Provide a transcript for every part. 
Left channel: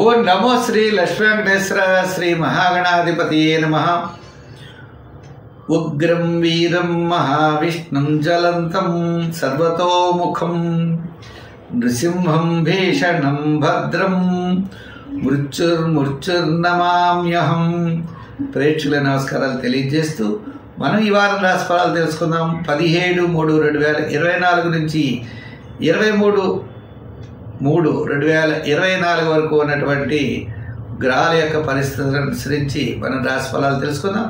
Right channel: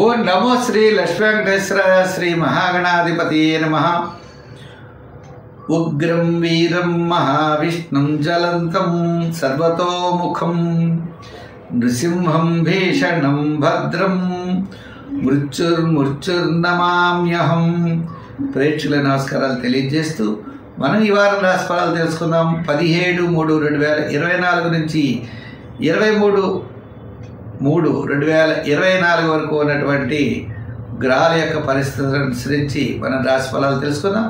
ఓం నమో శ్రీ లక్ష్మీ వెంకటేశ్వర శ్రీ మహాగణాధిపతియే నమః. ఉగ్రం వీరం మహావిష్ణుం జ్వలంతం సర్వతోముఖం నృసింహం భీషణం భద్రం మృత్యుర్నమామ్యహం. ప్రేక్షకుల నమస్కారాలు తెలియజేస్తూ మనం ఈ వారం రాశిఫలాలు తెలుసుకుందాం. 17/3/2024 నుంచి 23/3/2024 వరకు ఉన్నటువంటి గ్రహాల యొక్క పరిస్థితులను అనుసరించి మనం రాశిఫలాలు తెలుసుకుందాం.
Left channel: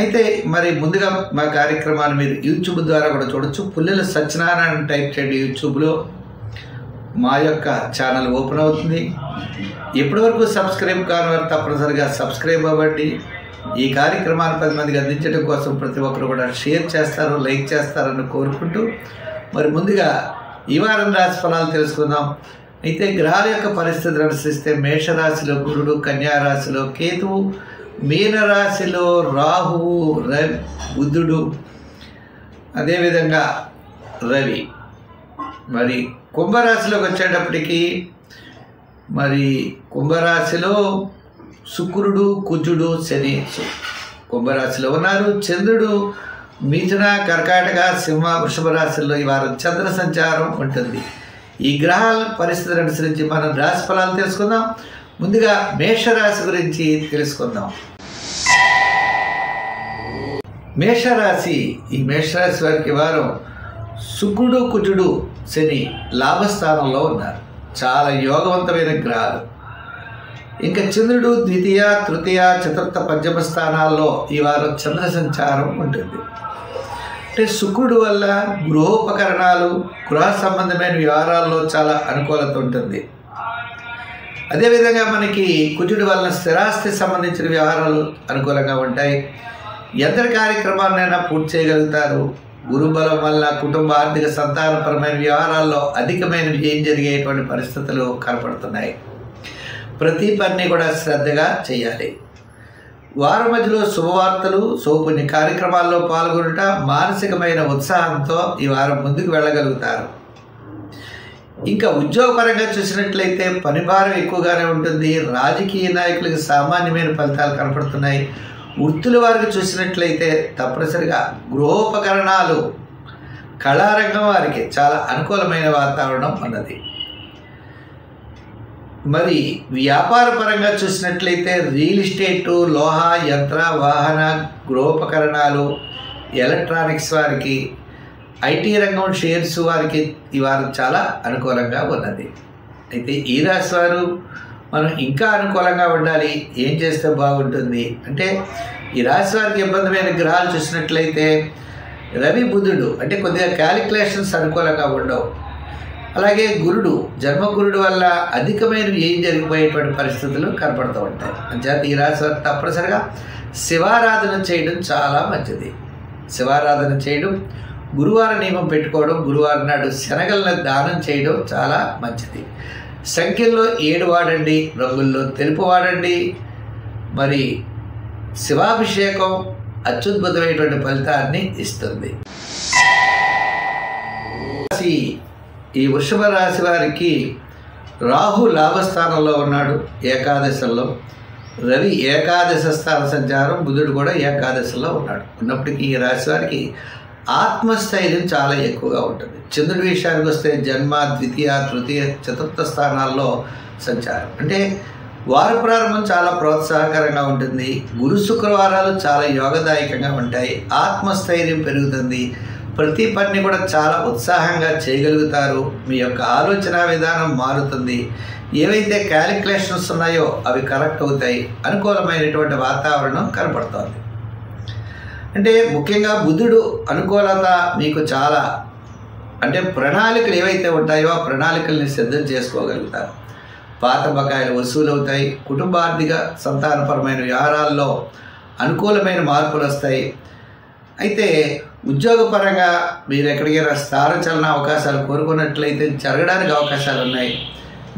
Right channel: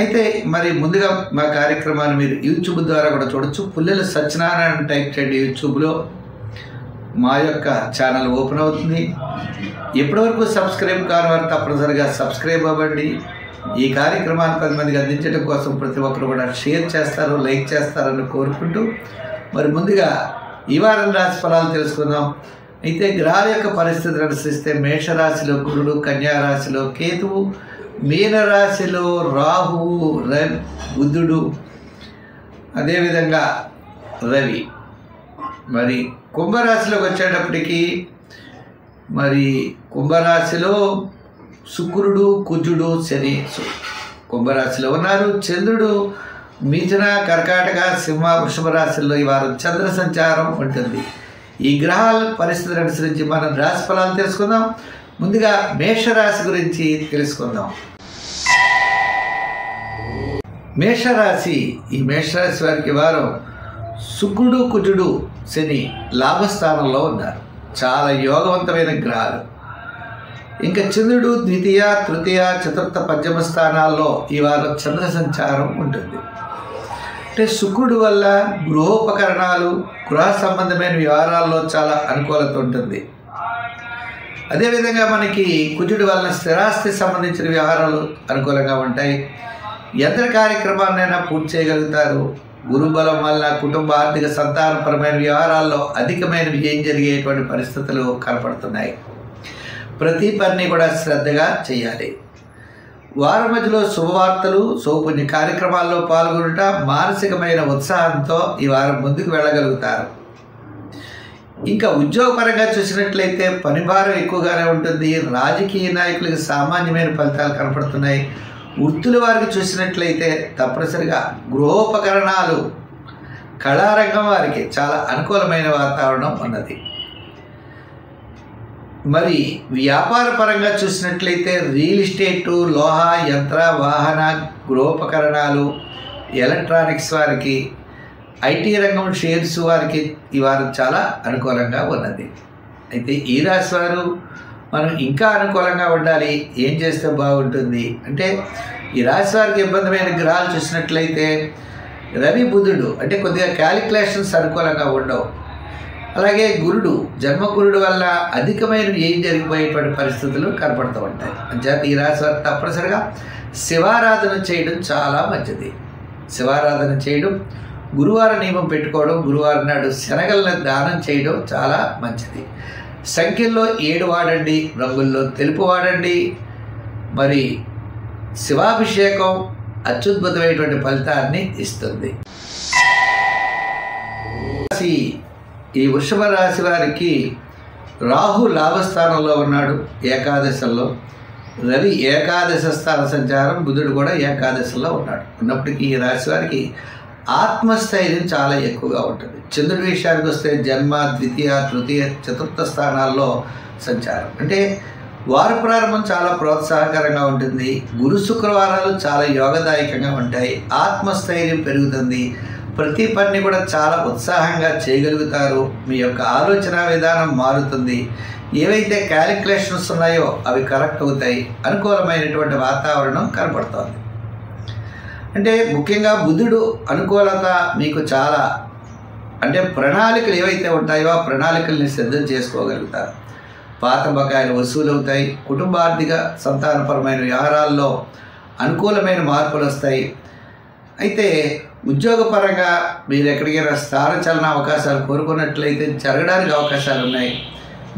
అయితే మరి ముందుగా మా కార్యక్రమాన్ని మీరు యూట్యూబ్ ద్వారా కూడా చూడొచ్చు. పుల్లెల సత్యనారాయణ టైప్ చేయండి యూట్యూబ్లో. మా యొక్క ఛానల్ ఓపెన్ అవుతుంది. ఇప్పటివరకు సబ్స్క్రైబ్ కాని వారు తప్పనిసరిగా సబ్స్క్రైబ్ అవ్వండి. ఈ కార్యక్రమాన్ని 10 మందికి అందించడం కోసం ప్రతి ఒక్కరు కూడా షేర్ చేస్తారు, లైక్ చేస్తారని కోరుకుంటూ మరి ముందుగా ఈ వారం రాశి ఫలాలు తెలుసుకుందాం. అయితే గ్రహాల యొక్క పరిస్థితులను అనుసరిస్తే మేషరాశిలో గురుడు, కన్యారాశిలో కేతువు, మీనరాశిలో రాహువు, బుధుడు, అదేవిధంగా రవి. మరి కుంభరాశిలోకి వచ్చేటప్పటికి మరి కుంభరాశిలో శుక్రుడు, కుజుడు, శని కుంభరాశిలో ఉన్నారు. చంద్రుడు మిథున, కర్కాటక, సింహ, వృషభ రాశుల్లో ఈ వారం చంద్ర సంచారం ఉంటుంది. ఈ గ్రహాల పరిస్థితులను అనుసరించి మనం రాశి ఫలాలు తెలుసుకుందాం. ముందుగా మేషరాశి గురించి తెలుసుకుందాం. మేషరాశి, ఈ మేషరాశి వారికి వారం శుక్రుడు, కుజుడు, శని లాభస్థానంలో ఉన్నారు. చాలా యోగవంతమైన గ్రహాలు. ఇంకా చంద్రుడు ద్వితీయ, తృతీయ, చతుర్థ, పంచమ స్థానాల్లో ఈ వారం చంద్ర సంచారం ఉంటుంది. అంటే శుక్రుడు వల్ల గృహోపకరణాలు, గృహ సంబంధమైన వ్యవహారాల్లో చాలా అనుకూలత ఉంటుంది. అదేవిధంగా మనకి కుజుడి వలన స్థిరాస్తి సంబంధించిన వ్యవహారాలు అనుకూలంగా ఉంటాయి. యంత్ర కార్యక్రమాలనైనా పూర్తి చేయగలుగుతారు. గురుబలం వల్ల కుటుంబ, ఆర్థిక, సంతానపరమైన వ్యవహారాల్లో అధికమైన వ్యయం జరిగేటువంటి పరిస్థితులు కనపడుతున్నాయి. ప్రతి పని కూడా శ్రద్ధగా చేయాలి. వారం మధ్యలో శుభవార్తలు, శుభపుణ్య కార్యక్రమాల్లో పాల్గొనుట, మానసికమైన ఉత్సాహంతో ఈ వారం ముందుకు వెళ్ళగలుగుతారు. ఇంకా ఉద్యోగపరంగా చూసినట్లయితే పనిభారం ఎక్కువగానే ఉంటుంది. రాజకీయ నాయకులకి సామాన్యమైన ఫలితాలు కనపడుతున్నాయి. వృత్తుల వారికి చూసినట్లయితే తప్పనిసరిగా గృహోపకరణాలు, కళారంగం వారికి చాలా అనుకూలమైన వాతావరణం ఉన్నది. మరి వ్యాపార పరంగా చూసినట్లయితే రియల్ ఎస్టేటు, లోహ, యంత్ర, వాహన, గృహోపకరణాలు, ఎలక్ట్రానిక్స్ వారికి, ఐటీ రంగం షేర్స్ వారికి ఈ వారం చాలా అనుకూలంగా ఉన్నది. అయితే ఈ రాశి వారు మనం ఇంకా అనుకూలంగా ఉండాలి. ఏం చేస్తే బాగుంటుంది అంటే ఈ రాశి వారికి ఇబ్బందిమైన గ్రహాలు చూసినట్లయితే రవి, బుధుడు అంటే కొద్దిగా క్యాలిక్యులేషన్స్ అనుకూలంగా ఉండవు. అలాగే గురుడు, జన్మగురుడు వల్ల అధికమైన ఏం జరిగిపోయేటువంటి పరిస్థితులు కనపడుతూ ఉంటాయి. అంచేత ఈ రాశి వారు తప్పనిసరిగా శివారాధన చేయడం చాలా మంచిది. శివారాధన చేయడం, గురువారం నియమం పెట్టుకోవడం, గురువారం నాడు శనగలను దానం చేయడం చాలా మంచిది. సంఖ్యల్లో 7 వాడండి, రంగుల్లో తెలుపు వాడండి. మరి శివాభిషేకం అత్యద్భుతమైనటువంటి ఫలితాన్ని ఇస్తుంది. ఈ వృషభ రాశి వారికి రాహు లాభస్థానంలో ఉన్నాడు, ఏకాదశంలో. రవి ఏకాదశ స్థాన సంచారం, బుధుడు కూడా ఏకాదశంలో ఉన్నాడు. ఉన్నప్పటికీ ఈ రాశి వారికి ఆత్మస్థైర్యం చాలా ఎక్కువగా ఉంటుంది. చంద్రుడి విషయానికి వస్తే జన్మ, ద్వితీయ, తృతీయ, చతుర్థ స్థానాల్లో సంచారం. అంటే వార ప్రారంభం చాలా ప్రోత్సాహకరంగా ఉంటుంది. గురు, శుక్రవారాలు చాలా యోగదాయకంగా ఉంటాయి. ఆత్మస్థైర్యం పెరుగుతుంది. ప్రతి పని కూడా చాలా ఉత్సాహంగా చేయగలుగుతారు. మీ యొక్క ఆలోచన విధానం మారుతుంది. ఏవైతే క్యాలిక్యులేషన్స్ ఉన్నాయో అవి కరెక్ట్ అవుతాయి. అనుకూలమైనటువంటి వాతావరణం కనపడుతోంది. అంటే ముఖ్యంగా బుధుడు అనుకూలత మీకు చాలా, అంటే ప్రణాళికలు ఏవైతే ఉంటాయో ఆ ప్రణాళికల్ని సిద్ధం చేసుకోగలుగుతారు. పాత బకాయిలు వసూలు అవుతాయి. కుటుంబ, ఆర్థిక, సంతానపరమైన వ్యవహారాల్లో అనుకూలమైన మార్పులు వస్తాయి. అయితే ఉద్యోగపరంగా మీరు ఎక్కడికైనా స్థానచలన అవకాశాలు కోరుకున్నట్లయితే జరగడానికి అవకాశాలు ఉన్నాయి.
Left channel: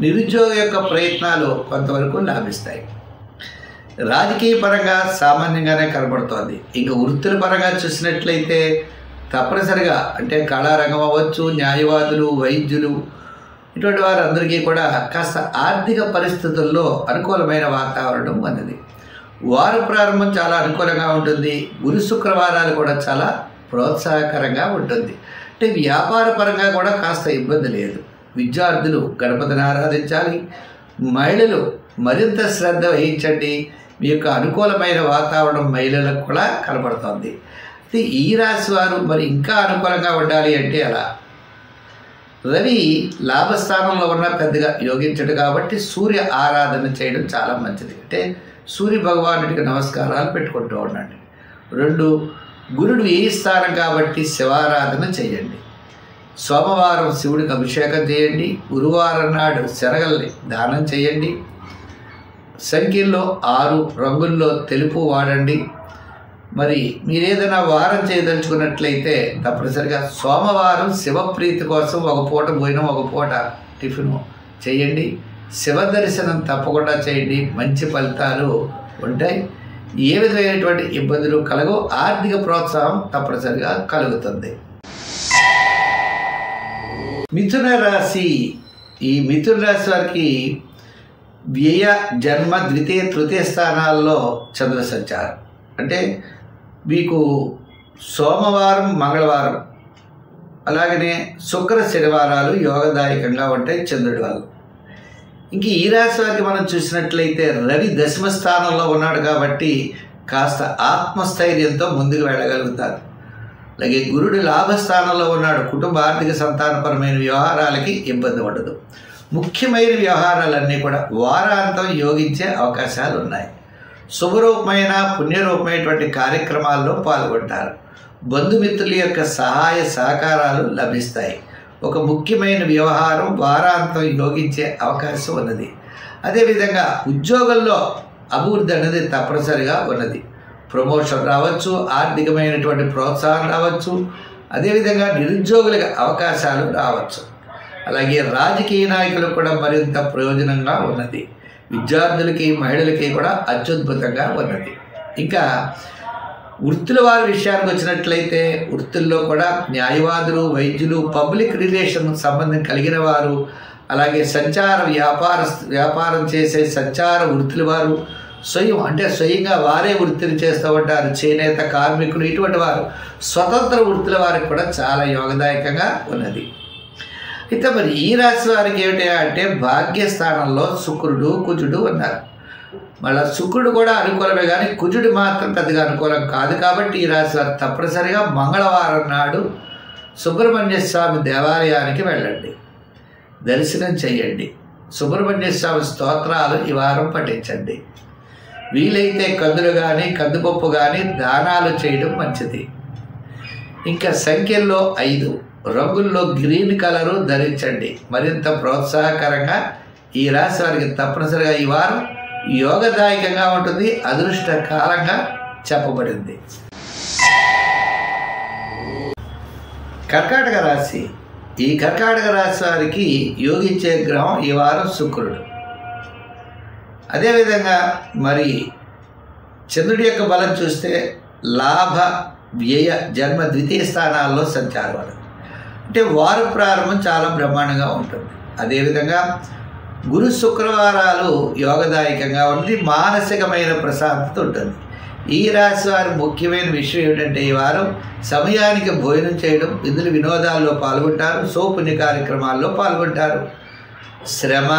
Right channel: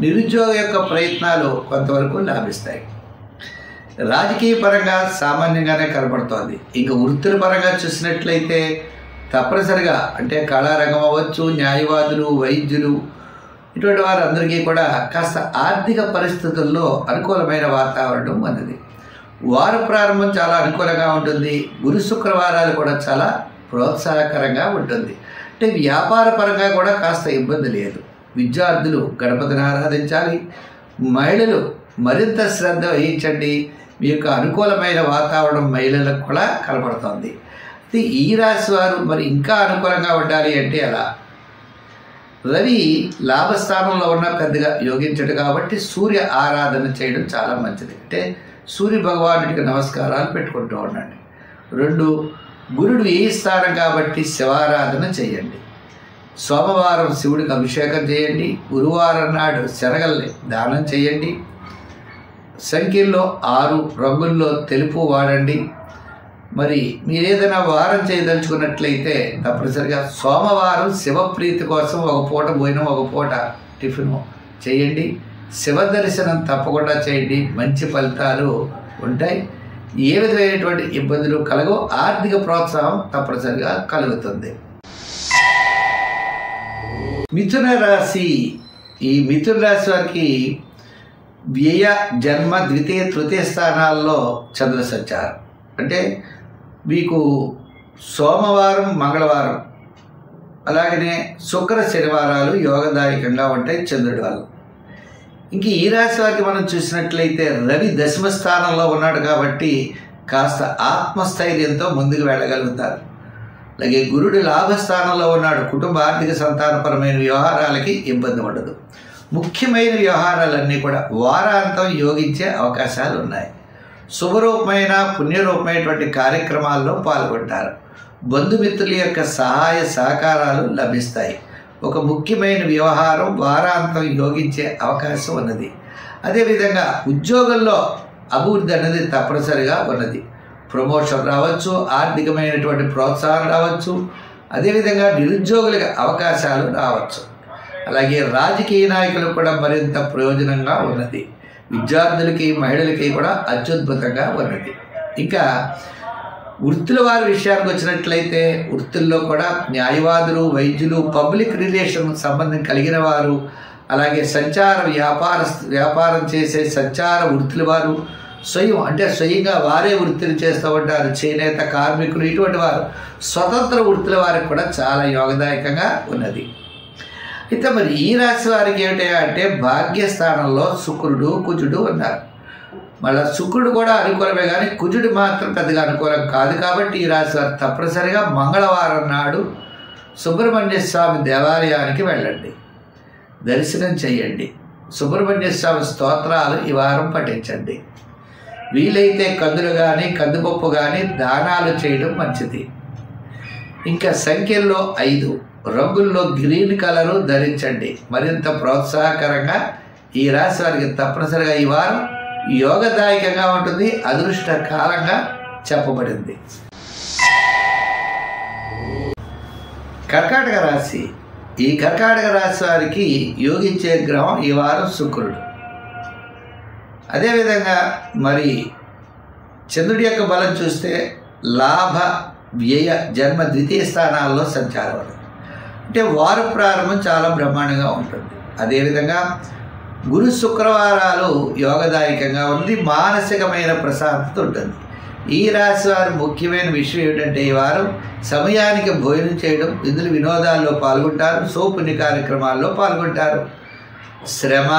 నిరుద్యోగ యొక్క ప్రయత్నాలు కొంతవరకు లాభిస్తాయి. రాజకీయ పరంగా సామాన్యంగానే కనబడుతోంది. ఇంకా వృత్తుల పరంగా చూసినట్లయితే తప్పనిసరిగా అంటే కళారంగం అవ్వచ్చు, న్యాయవాదులు, వైద్యులు, ఇటువంటి వారందరికీ కూడా కాస్త ఆర్థిక పరిస్థితుల్లో అనుకూలమైన వాతావరణం ఉన్నది. వారు ప్రారంభం చాలా అనుకూలంగా ఉంటుంది. గురు శుక్రవారాలు కూడా చాలా ప్రోత్సాహకరంగా ఉంటుంది. అంటే వ్యాపార పరంగా కూడా కాస్త ఇబ్బంది లేదు. విద్యార్థులు గణపతిని ఆరాధించాలి. మహిళలు మరింత శ్రద్ధ వహించండి. మీ యొక్క అనుకూలమైన వాతావరణం మహిళలకు కూడా కనపడుతుంది. అయితే ఈ రాశి వారు మరి ఇంకా అనుకూలంగా ఉండాలి అంటే అలా రవి లాభస్థానంలో ఉన్న పెద్దగా యోగించడు కాబట్టి సూర్య ఆరాధన చేయడం చాలా మంచిది. అంటే సూర్య భగవానుడికి నమస్కారాలు పెట్టుకుంటూ ఉండండి. 2 గురుడు ఏ స్థానం కాబట్టి శివారాధన చేయండి. సోమవారం శివుడికి అభిషేకం చేయండి. గురువారం నాడు శనగల్ని దానం చేయండి. సంఖ్యల్లో 6 రంగుల్లో తెలుపు వాడండి. మరి మీరేదైనా వారం చేయదలుచుకున్నట్లయితే తప్పనిసరిగా సోమవారం శివప్రీతి కోసం ఒక పూట భోజనం ఒక పూట టిఫిను చేయండి. శివ దర్శనం తప్పకుండా చేయండి. మంచి ఫలితాలు ఉంటాయి. ఏ విధమైనటువంటి ఇబ్బందులు కలగో ఆర్థిక ప్రోత్సాహం తప్పనిసరిగా కలుగుతుంది. మిథున రాశి. ఈ మిథున రాశి వారికి వ్యయ జన్మ ద్వితీయ తృతీయ స్థానాల్లో చంద్ర సంచారం. అంటే మీకు సోమవారం మంగళవారం అలాగనే శుక్ర శనివారాలు యోగదాయకంగా ఉంటాయి చంద్రుడి వల్ల. ఇంక ఈ రాశి వారికి మనం చూసినట్లయితే రవి దశమ స్థానంలో ఉన్నాడు కాబట్టి కాస్త ఆత్మస్థైర్యంతో ముందుకు వెళ్ళగలుగుతారు. అలాగే గురుడు లాభస్థానంలో ఉన్నాడు. కుటుంబ ఆర్థిక సంతానపరమైన వ్యవహారాలకి ఇబ్బంది ఉండదు. ముఖ్యమైన వ్యవహారాలన్నీ కూడా వారాంతం యోగించే అవకాశాలు ఉన్నాయి. శుభరూపమైన పుణ్యరూపమైనటువంటి కార్యక్రమాల్లో పాల్గొంటారు. బంధుమిత్రుల యొక్క సహాయ సహకారాలు లభిస్తాయి. ఒక ముఖ్యమైన వ్యవహారం వారాంతం యోగించే అవకాశం ఉన్నది. అదేవిధంగా ఉద్యోగంలో అభివృద్ధి అనేది తప్పనిసరిగా ఉన్నది. ప్రమోషన్ రావచ్చు, ఆర్థికమైనటువంటి ప్రోత్సాహం రావచ్చు. అదేవిధంగా నిరుద్యోగులకు అవకాశాలు రావచ్చు. అలాగే రాజకీయ నాయకులకు కూడా మరింత ప్రయోజనంగా ఉన్నది. విద్యార్థులకి మహిళలకి కూడా అత్యద్భుతంగా ఉన్నది. ఇంకా వృత్తుల వారి విషయానికి వచ్చినట్లయితే వృత్తుల్లో కూడా న్యాయవాదులు, వైద్యులు, పబ్లిక్ రిలేషన్ సంబంధం కలిగిన వారు, అలాగే సంచార వ్యాపారం చేసే సంచార వృత్తుల వారు, స్వయంగా వారే వృత్తిని చేస్తూ ఉంటారు. చేనేత కార్మికులు, ఇటువంటి వారు స్వతంత్ర వృత్తుల వారికి కూడా చాలా యోగదాయకంగా ఉన్నది. అయితే మరి ఈ రాశి వారికి ఏమిటా అంటే భాగ్యస్థానంలో శుక్రుడు కుజుడు ఉన్నారు. మళ్ళీ శుక్రుడు కూడా అనుకూలమే కానీ కుజుడు మాత్రం పెద్దగా అనుకూలం కాదు. కాబట్టి ఈ రాశి వారు తప్పనిసరిగా మంగళవారం నాడు సుబ్రహ్మణ్య స్వామి దేవాలయానికి వెళ్ళండి, దర్శనం చేయండి. సుబ్రహ్మణ్య స్వామి స్తోత్రాలు ఈ వారం పఠించండి. వీలైతే కందులు కానీ కందిపప్పు కానీ దానాలు చేయడం మంచిది. ఇంకా సంఖ్యల్లో 5 రంగుల్లో గ్రీన్ కలరు ధరించండి. మరింత ప్రోత్సాహకరంగా ఈ రాశి వారికి తప్పనిసరిగా ఈ వారం యోగదాయకంగా ఉంటుంది. అదృష్ట కాలంగా చెప్పబడింది. కర్కాటక రాశి. ఈ కర్కాటక రాశి వారికి యోగించే గ్రహం ఈ వారం శుక్రుడు. అదేవిధంగా మరి చంద్రుడి యొక్క బలం చూస్తే లాభ వ్యయ జన్మ ద్వితీయ స్థానాల్లో సంచారం అనేది. అంటే వారు ప్రారంభం చాలా బ్రహ్మాండంగా ఉంటుంది. అదేవిధంగా గురు శుక్రవారాలు యోగదాయకంగా ఉంది. మానసికమైన ప్రశాంతత ఉంటుంది. ఈ రాశి వారు ముఖ్యమైన విషయం ఏమిటంటే ఈ వారం సమయానికి భోజనం చేయడం, విధులు వినోదాల్లో పాల్గొంటారు, పుణ్య కార్యక్రమాల్లో పాల్గొంటారు. శ్రమ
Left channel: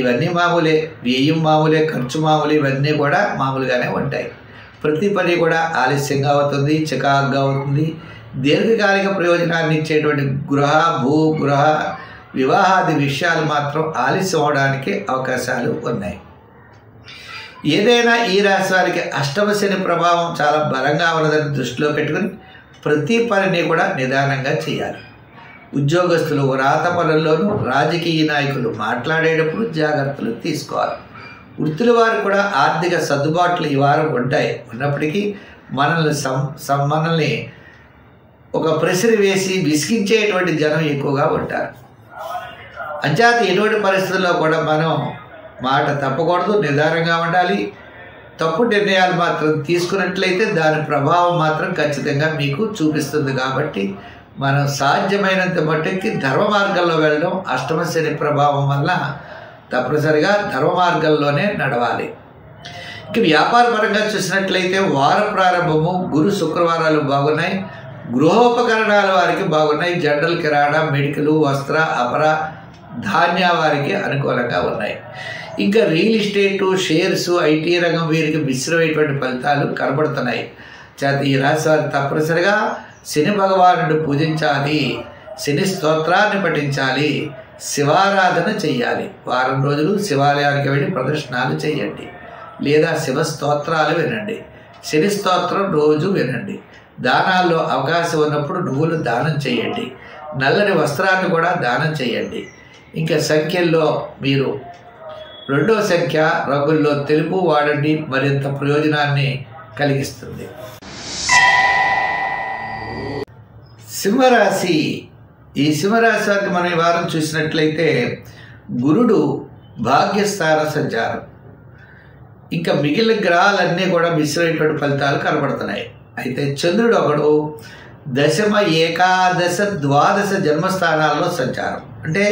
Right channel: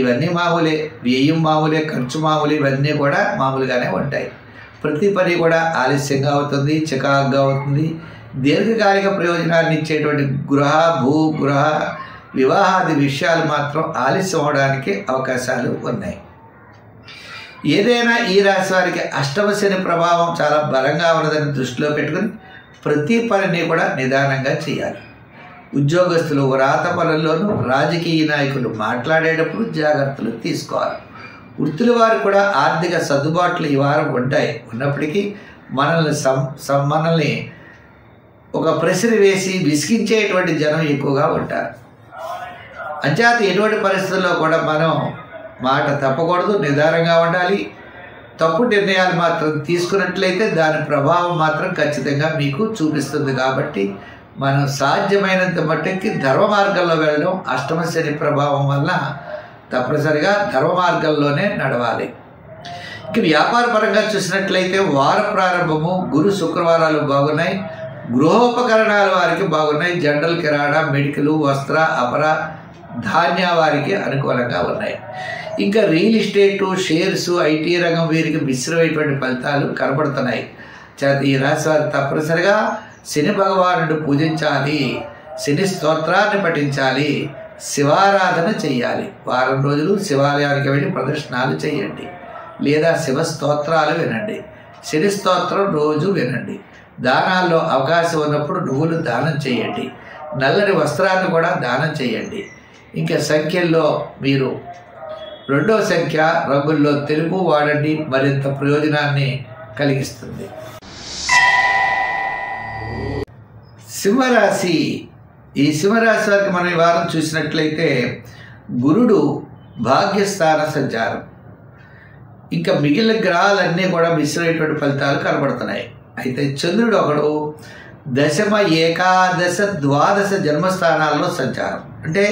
ఇవన్నీ మామూలే, వ్యయం మామూలే, ఖర్చు మామూలే, ఇవన్నీ కూడా మామూలుగానే ఉంటాయి. ప్రతి పని కూడా ఆలస్యంగా అవుతుంది, చికాకుగా అవుతుంది. దీర్ఘకాలిక ప్రయోజనాన్ని ఇచ్చేటువంటి గృహ వివాహాది విషయాలు మాత్రం ఆలస్యం అవడానికి అవకాశాలు ఉన్నాయి. ఏదైనా ఈ రాశి వారికి అష్టమ శని ప్రభావం చాలా బలంగా ఉన్నదని దృష్టిలో పెట్టుకుని ప్రతి పనిని కూడా నిదానంగా చేయాలి. ఉద్యోగస్తులు వ్రాత పనుల్లోనూ, రాజకీయ నాయకులు మాట్లాడేటప్పుడు జాగ్రత్తలు తీసుకోవాలి. వృత్తుల వారు కూడా ఆర్థిక సర్దుబాట్లు ఈ వారం ఉంటాయి. ఉన్నప్పటికీ మనల్ని ఒక ప్రెషర్ వేసి విసిగించేటువంటి జనం ఎక్కువగా ఉంటారు. అంచేత ఎటువంటి పరిస్థితుల్లో కూడా మనం మాట తప్పకూడదు, నిదానంగా ఉండాలి. తప్పు నిర్ణయాలు మాత్రం తీసుకున్నట్లయితే దాని ప్రభావం మాత్రం ఖచ్చితంగా మీకు చూపిస్తుంది. కాబట్టి మనం సాధ్యమైనంత మట్టుకి ధర్మ మార్గంలో వెళ్ళడం, అష్టమ శని ప్రభావం వల్ల తప్పనిసరిగా ధర్మ మార్గంలోనే నడవాలి. ఇక వ్యాపార పరంగా చూసినట్లయితే వార ప్రారంభము గురు శుక్రవారాలు బాగున్నాయి. గృహోపకరణాల వారికి బాగున్నాయి. జనరల్ కిరాణా, మెడికల్, వస్త్ర, అపర, ధాన్య వారికి అనుకూలంగా ఉన్నాయి. ఇంకా రియల్ ఎస్టేటు, షేర్స్, ఐటీ రంగం వీరికి మిశ్రమైనటువంటి ఫలితాలు కనబడుతున్నాయి. ఈ రాశి వారు తప్పనిసరిగా శని భగవానుడు పూజించాలి, శని స్తోత్రాన్ని పఠించాలి, శివారాధన చెయ్యాలి. వారం రోజులు శివాలయానికి వెళ్ళి ప్రదర్శనలు చేయండి, లేదా శివ స్తోత్రాలు వినండి. శని స్తోత్రం రోజు వినండి. దానాల్లో అవకాశం ఉన్నప్పుడు నువ్వులు దానం చేయండి. నల్లని వస్త్రాన్ని కూడా దానం చేయండి. ఇంకా సంఖ్యల్లో మీరు 2వ సంఖ్య రంగుల్లో తెలుపు వాడండి, మరింత ప్రయోజనాన్ని కలిగిస్తుంది. సింహరాశి. ఈ సింహరాశి వారికి మనం ఈ వారం చూసినట్లయితే గురుడు భాగ్యస్థాన సంచారం, ఇంకా మిగిలిన గ్రహాలన్నీ కూడా మిశ్రమైనటువంటి ఫలితాలు కనబడుతున్నాయి. అయితే చంద్రుడు ఒకడు దశమ, ఏకాదశ, ద్వాదశ జన్మస్థానాల్లో సంచారం. అంటే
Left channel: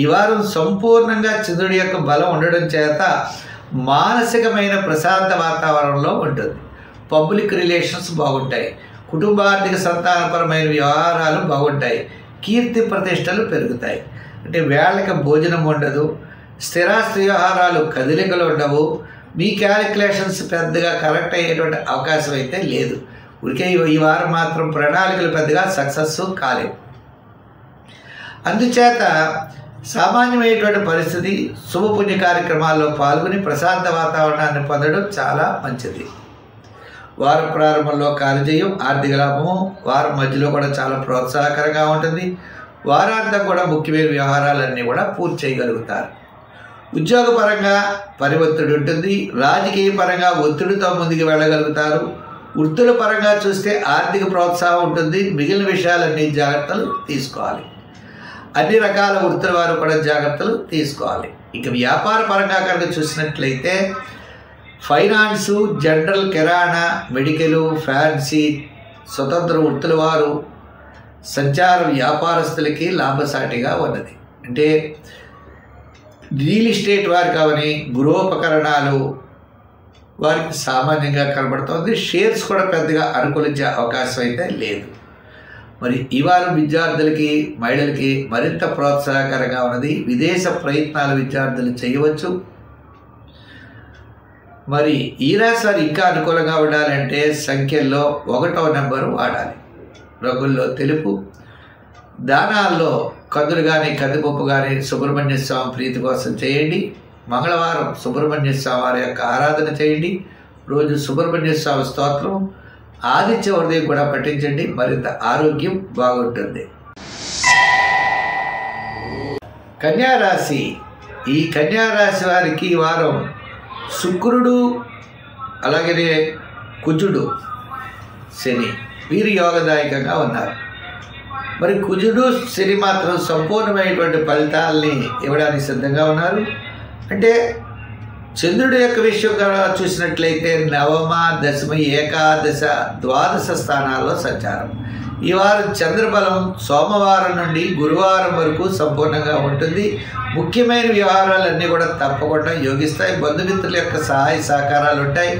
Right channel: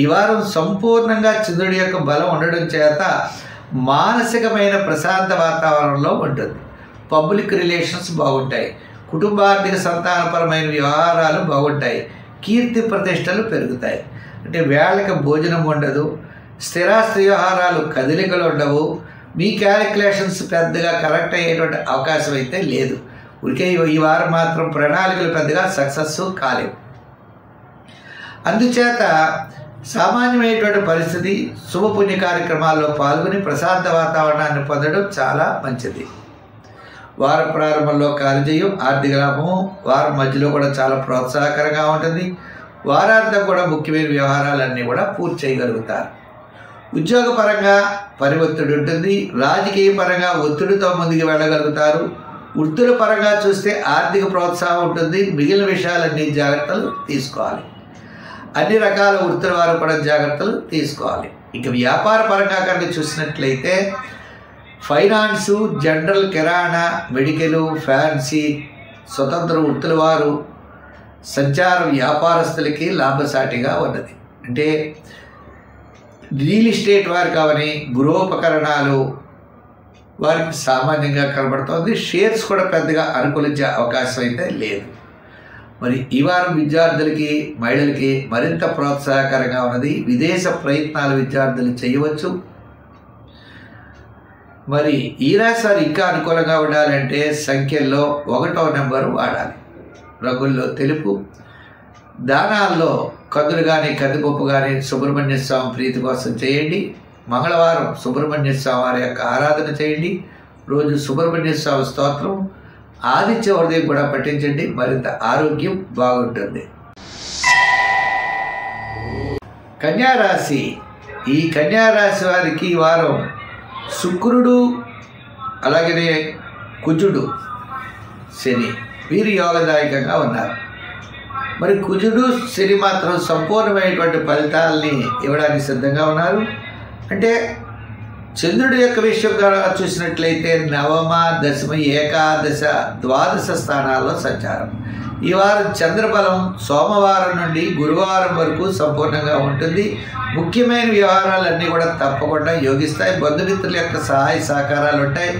ఈ వారం సంపూర్ణంగా చంద్రుడి యొక్క బలం ఉండడం చేత మానసికమైన ప్రశాంత వాతావరణంలో ఉంటుంది. పబ్లిక్ రిలేషన్స్ బాగుంటాయి. కుటుంబార్థిక సంతానపరమైన వ్యవహారాలు బాగుంటాయి. కీర్తి ప్రతిష్టలు పెరుగుతాయి. అంటే వేళకి భోజనం ఉండదు. స్థిరాస్తి వ్యవహారాలు కదలికలు ఉండవు. మీ క్యాలిక్యులేషన్స్ పెద్దగా కరెక్ట్ అయ్యేటువంటి అవకాశం అయితే లేదు. ఊరికే ఈ వారం మాత్రం ప్రణాళికలు పెద్దగా సక్సెస్ కాలేవు. అందుచేత సామాన్యమైనటువంటి పరిస్థితి, శుభపుణ్య కార్యక్రమాల్లో పాల్గొని ప్రశాంత వాతావరణాన్ని పొందడం చాలా మంచిది. వారం ప్రారంభంలో కార్యజయం, ఆర్థిక లాభము, వారం మధ్యలో కూడా చాలా ప్రోత్సాహకరంగా ఉంటుంది. వారాంతం కూడా ముఖ్యమైన వ్యవహారాలన్నీ కూడా పూర్తి చేయగలుగుతారు. ఉద్యోగపరంగా పని ఒత్తిడి ఉంటుంది. రాజకీయ పరంగా ఒత్తిడితో ముందుకు వెళ్ళగలుగుతారు. వృత్తుల పరంగా చూస్తే ఆర్థిక ప్రోత్సాహం ఉంటుంది. మిగిలిన విషయాలన్నీ జాగ్రత్తలు తీసుకోవాలి. అన్ని రకాల వృత్తుల వారు కూడా జాగ్రత్తలు తీసుకోవాలి. ఇక వ్యాపార పరంగా కనుక చూసినట్లయితే ఫైనాన్సు, జనరల్ కిరాణా, మెడికల్, ఫ్యాన్సీ, స్వతంత్ర వృత్తుల వారు సంచార వ్యాపారస్తులకి లాభసాటిగా ఉన్నది. అంటే రియల్ ఎస్టేట్ వారు కావని, గృహోపకరణాలు వారికి సామాన్యంగా కనబడుతుంది. షేర్స్ కూడా పెద్దగా అనుకూలించే అవకాశం అయితే లేదు. మరి ఈ వారం విద్యార్థులకి, మహిళలకి మరింత ప్రోత్సాహకరంగా ఉన్నది. విదేశ ప్రయత్నాలు విద్యార్థులు చేయవచ్చు. మరి ఈ రాశి వారు ఇంకా అనుకూలంగా ఉండాలంటే సంఖ్యల్లో 1వ నెంబరు వాడాలి. రంగుల్లో తెలుపు. దానాల్లో కందులు కానీ, కందిపప్పు కానీ సుబ్రహ్మణ్య స్వామి ప్రీతి కోసం చేయండి. మంగళవారం సుబ్రహ్మణ్య స్వామి వారి యొక్క ఆరాధన చేయండి. రోజు సుబ్రహ్మణ్య స్వామి స్తోత్రం, ఆదిత్య హృదయం కూడా పఠించండి. మరింత ఆరోగ్యం బాగుంటుంది. కన్యారాశి. ఈ కన్యారాశి వారికి ఈ వారం శుక్రుడు, అలాగే కుజుడు, శని వీరు యోగదాయకంగా ఉన్నారు. మరి కుజుడు, శని మాత్రం సంపూర్ణమైనటువంటి ఫలితాలని ఇవ్వడానికి సిద్ధంగా ఉన్నారు. అంటే చంద్రుడి యొక్క విషయంగా చూసినట్లయితే నవమ, దశమ, ఏకాదశ, ద్వాదశ స్థానాల్లో సంచారం. ఈ వారం చంద్రబలం సోమవారం నుండి గురువారం వరకు సంపూర్ణంగా ఉంటుంది. ముఖ్యమైన వ్యవహారాలన్నీ కూడా తప్పకుండా యోగిస్తాయి. బంధుమిత్రుల యొక్క సహాయ సహకారాలు ఉంటాయి.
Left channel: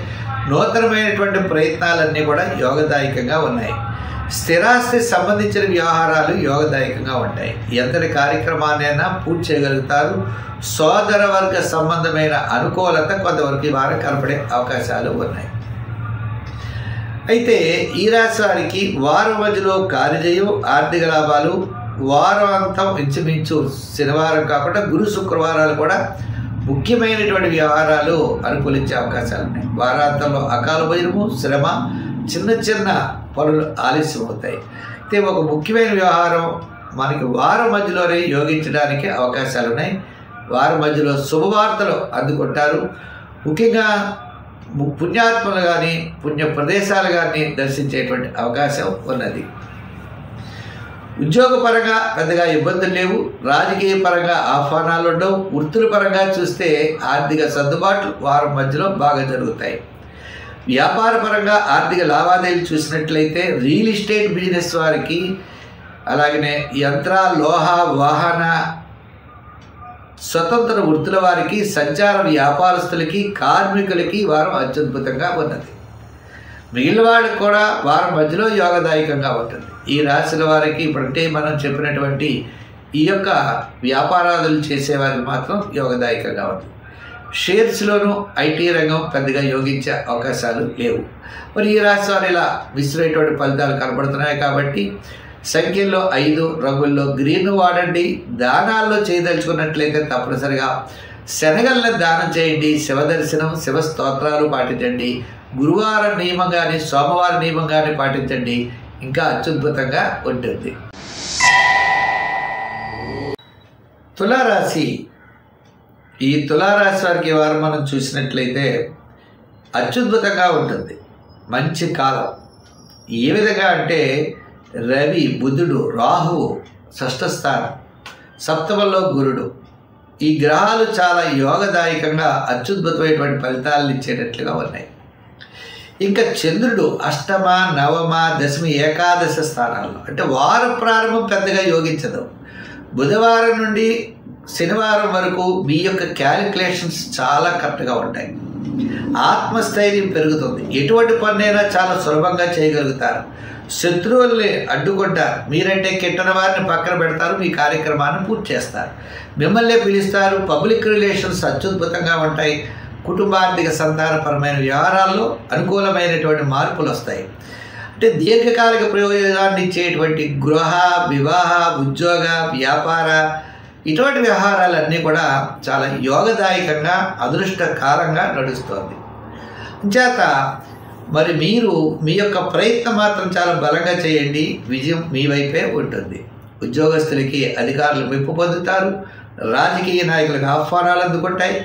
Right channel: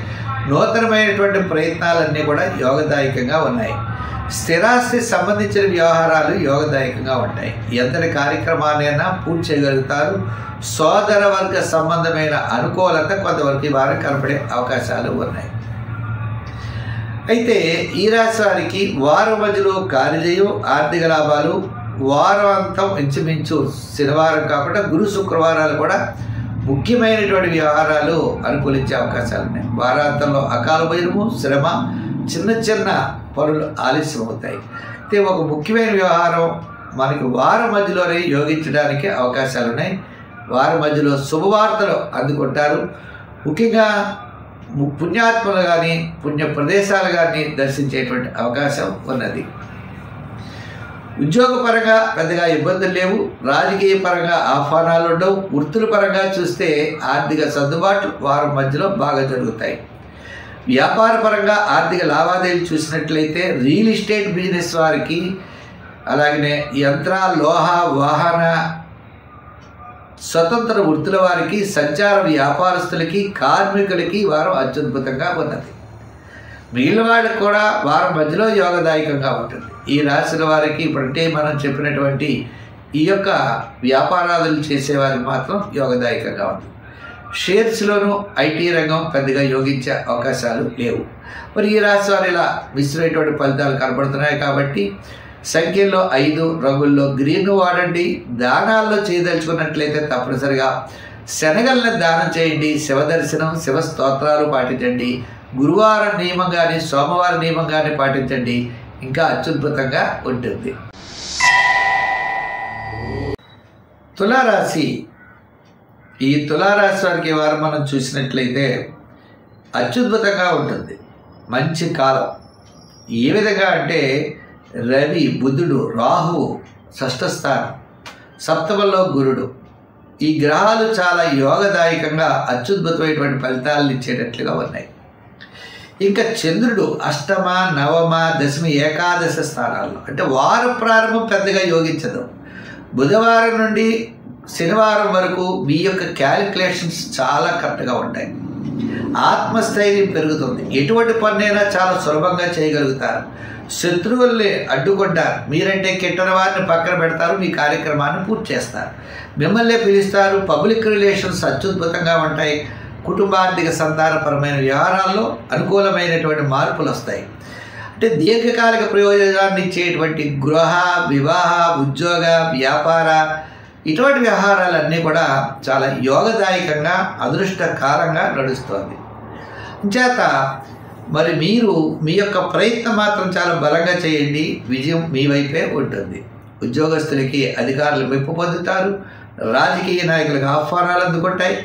నూతనమైనటువంటి ప్రయత్నాలన్నీ కూడా యోగదాయకంగా ఉన్నాయి. స్థిరాస్తి సంబంధించిన వ్యవహారాలు యోగదాయకంగా ఉంటాయి. ఎంతటి కార్యక్రమాన్నైనా పూర్తి చేయగలుగుతారు. సోదర వర్గ సంబంధమైన అనుకూలత కొంతవరకు ఈ వారం కనపడే అవకాశాలు ఉన్నాయి. అయితే ఈ రాశి వారికి వారం మధ్యలో కార్యజయం, ఆర్థిక లాభాలు, వారాంతం ఇంచుమించు శనివారం కాకుండా గురు శుక్రవారాలు కూడా ముఖ్యమైనటువంటి వ్యవహారాలు అనుకూలించే అవకాశాలు ఉన్నాయి. వారాంతంలో అకాల భోజనము, శ్రమ, చిన్న చిన్న పనులు ఆలస్యం అవుతాయి. అయితే ఒక ముఖ్యమైన వ్యవహారం మనకి వారం మధ్యలోనే యోగించడానికి అవకాశాలు ఉన్నాయి. వారం మధ్యలో శుభవార్తలు అందుకుంటారు. ముఖ్యంగా పుణ్యాత్మలు కానీ, పుణ్య ప్రదేశాలు కానీ దర్శించేటువంటి అవకాశం ఉన్నది. ఉద్యోగపరంగా పెద్దగా ఇబ్బందులు లేవు. రాజకీయ పరంగా ఆహ్వానాలు ఉండవు. వృత్తుల పరంగా చూస్తే ఆర్థిక సర్దుబాట్లు వారం మధ్యలో బాగా జరుగుతాయి. వ్యాపార పరంగా ఆర్థిక లావాదేవీలు చూసినట్లయితే రియల్ ఎస్టేట్ బిజినెస్ వారికి అలాగనే యంత్ర, లోహ, వాహన, స్వతంత్ర వృత్తుల వారికి, సంచార వ్యాపారస్తులకి, కార్మికులకి వారం అత్యద్భుతంగా ఉన్నది. మిగిలిన వాడికి కూడా వారం మధ్యలో యోగదాయకంగా ఉంటుంది. ఈ రాశుల వారికి ఇప్పుడంటే మనం చెప్పినటువంటి ఈ యొక్క వ్యాపారాలు చేసేవారికి మాత్రం యోగదాయకంగా ఉంది. షేర్స్లోనూ ఐటీ రంగం పెద్దగా యోగించే అవకాశాలు లేవు. మరి ఈ రాశి వారు ఇలా విసిరేటువంటి ఫలితాలు కనబడుతున్నాయి కాబట్టి సంఖ్యల్లో 5, రంగుల్లో గ్రీన్ వాడండి. దానాల్లో చేయదలుచుకున్నట్లయితే తప్పనిసరిగా శనగలను దానం చేయండి. శివ దర్శనం, శివ స్తోత్రాలు పాటించండి. గురువారం నియమం కానీ, సోమవారం నియమం కానీ పాటించండి. ఇంకా అత్యద్భుతంగా ఉంటుంది. తులారాశి. ఈ తులారాశి వారికి ఈ వారం మనం చూసినట్లయితే అత్యద్భుతంగా ఉంటుంది. మంచి కాలం. ఏ విధంగా అంటే రవి, బుధుడు, రాహువు షష్ఠ స్థానం, సప్తమంలో గురుడు, ఈ గ్రహాలు చాలా యోగదాయకంగా అత్యద్భుతమైనటువంటి ఫలితాలను ఇచ్చేటట్లుగా ఉన్నాయి. ఇంకా చంద్రుడు అష్టమ, నవమ, దశమి, ఏకాదశ స్థానాల్లో, అంటే వార ప్రారంభం పెద్దగా యోగించదు. బుధవారం నుండి శనివారం వరకు మీ యొక్క క్యాలిక్యులేషన్స్ చాలా కరెక్ట్గా ఉంటాయి. ఆత్మస్థైర్యం పెరుగుతుంది. ఎటువంటి పన్నైనా చాలా సులభంగా చేయగలుగుతారు. శత్రువుల్ని అడ్డుకుంటారు. మీరంటే కిట్టని వారిని పక్కన పెడతారు. మీ కార్యక్రమాన్ని పూర్తి చేస్తారు. మిమ్మల్ని పిలుస్తారు. పబ్లిక్ రిలేషన్స్ అత్యద్భుతంగా ఉంటాయి. కుటుంబార్థిక సంతానపరమైన వ్యవహారాల్లో అనుకూలమైనటువంటి మార్పులు వస్తాయి. అంటే దీర్ఘకాలిక ప్రయోజనాన్ని ఇచ్చేటువంటి గృహ, వివాహ, ఉద్యోగ, వ్యాపార ఇటువంటి వ్యవహారాలన్నీ కూడా చాలా యోగదాయకంగా అదృష్టకాలంగా నడుస్తోంది. చేత మరి మీరు మీ యొక్క ప్రయత్నం మాత్రం చాలా బలంగా చేయండి. విజయం మీ వైపే ఉంటుంది. ఉద్యోగస్తులకి అధికారులు మెప్పు పొందుతారు. రాజకీయ నాయకులకు ఆహ్వానాలు అందుకుంటాయి.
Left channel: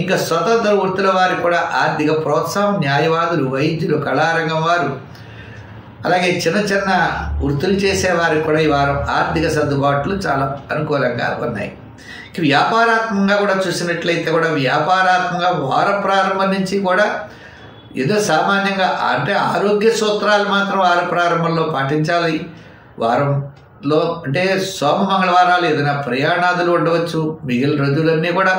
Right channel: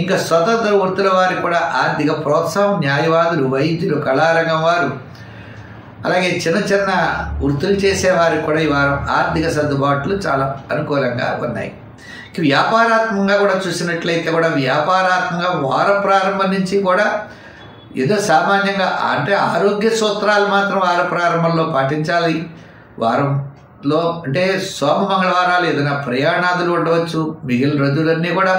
ఇంకా స్వతంత్ర వృత్తుల వారికి కూడా ఆర్థిక ప్రోత్సాహం, న్యాయవాదులు, వైద్యులు, కళారంగం వారు, అలాగే చిన్న చిన్న వృత్తులు చేసేవారికి కూడా ఈ వారం ఆర్థిక సర్దుబాట్లు చాలా అనుకూలంగా ఉన్నాయి. వ్యాపారాత్మకంగా కూడా చూసినట్లయితే కూడా వ్యాపారాత్మకంగా వార ప్రారంభం నుంచి కూడా ఏదో సామాన్యంగా అంటే ఆరోగ్య సూత్రాలు మాత్రం వార ప్రారంభంలో పాటించాలి. వారంలో అంటే సోమ, మంగళవారాలు ఏదైనా ప్రయాణాదులు ఉండవచ్చు. మిగిలిన రోజులన్నీ కూడా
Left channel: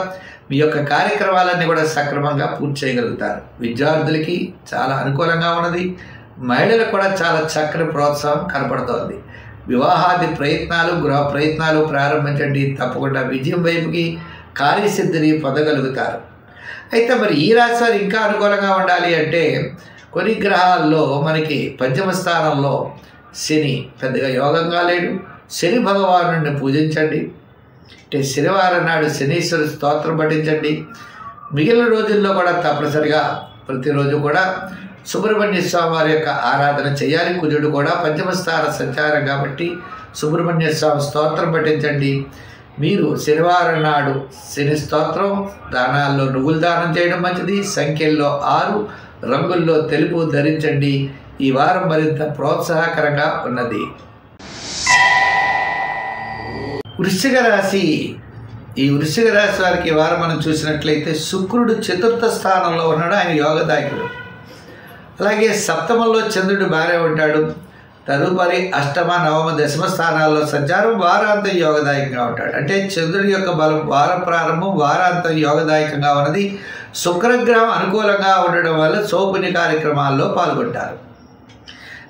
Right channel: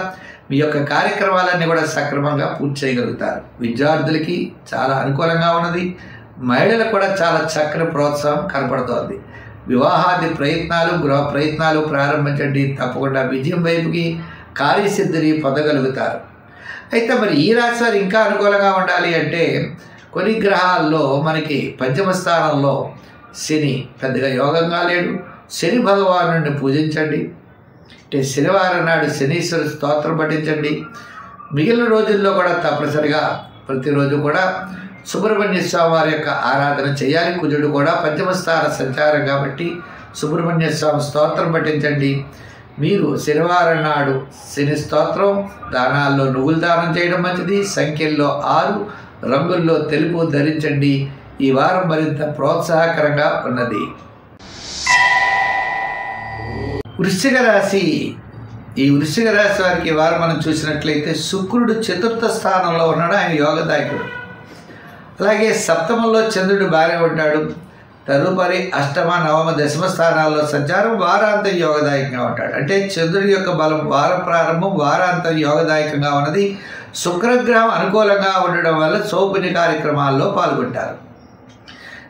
మీ యొక్క కార్యక్రమాలన్నీ కూడా సక్రమంగా పూర్తి చేయగలుగుతారు. విద్యార్థులకి చాలా అనుకూలంగా ఉన్నది. మహిళలకు కూడా చాలా చక్కని ప్రోత్సాహం కనపడుతోంది. వివాహాది ప్రయత్నాలు, గృహ ప్రయత్నాలు ప్రారంభించండి. తప్పకుండా విజయం వైపుకి కార్యసిద్ధిని పొందగలుగుతారు. అయితే మరి ఈ రాశి వారు ఇంకా అనుకూలంగా ఉండాలి అంటే కొన్ని గ్రహాల్లో మనకి పంచమ స్థానంలో శని పెద్దగా యోగంగా లేడు. శని భగవానుడిని పూజించండి. అంటే శనివారం నాడు శనీశ్వర స్తోత్రం పఠించండి. మిగిలిన రోజుల్లో కూడా తప్పనిసరిగా ప్రతిరోజు కూడా సుబ్రహ్మణ్య స్వామి వారి యొక్క ఆరాధన చేయాలి. కుజుడు కూడా పంచమ స్థాన సంచారం కాబట్టి సుబ్రహ్మణ్య స్వామి స్తోత్రం పఠించండి. మీరు శనివారం నాడు శని స్తోత్రం, దానాల్లో నువ్వులు దానం చేయడం మంచిది. సంఖ్యల్లో 6, రంగుల్లో తెలుపు ధరించండి. ఈ వారం మరింత ప్రోత్సాహకరంగా ఉన్నది. వృశ్చిక రాశి. ఈ వృశ్చిక రాశి వారికి ఈ వారం మనం చూసినట్లయితే శుక్రుడు చతుర్థ స్థానంలో ఉన్నాడు. ఆయన యోగదాయకుడు. అలాగే సప్తమంలో చంద్రుడు బాగానే ఉంటాడు. తదుపరి అష్టమ, నవమ, దశమ స్థానాల్లో సంచారం వారాంతం యోగదాయకంగా ఉంటాడు. అంటే చంద్రుడి యొక్క బలం వార ప్రారంభం, వారాంతం యోగదాయకంగా ఉన్నది. శుక్రగ్రహం అనుకూలంగా ఉండడం వల్ల సౌపుణ్య కార్యక్రమాల్లో పాల్గొంటారు.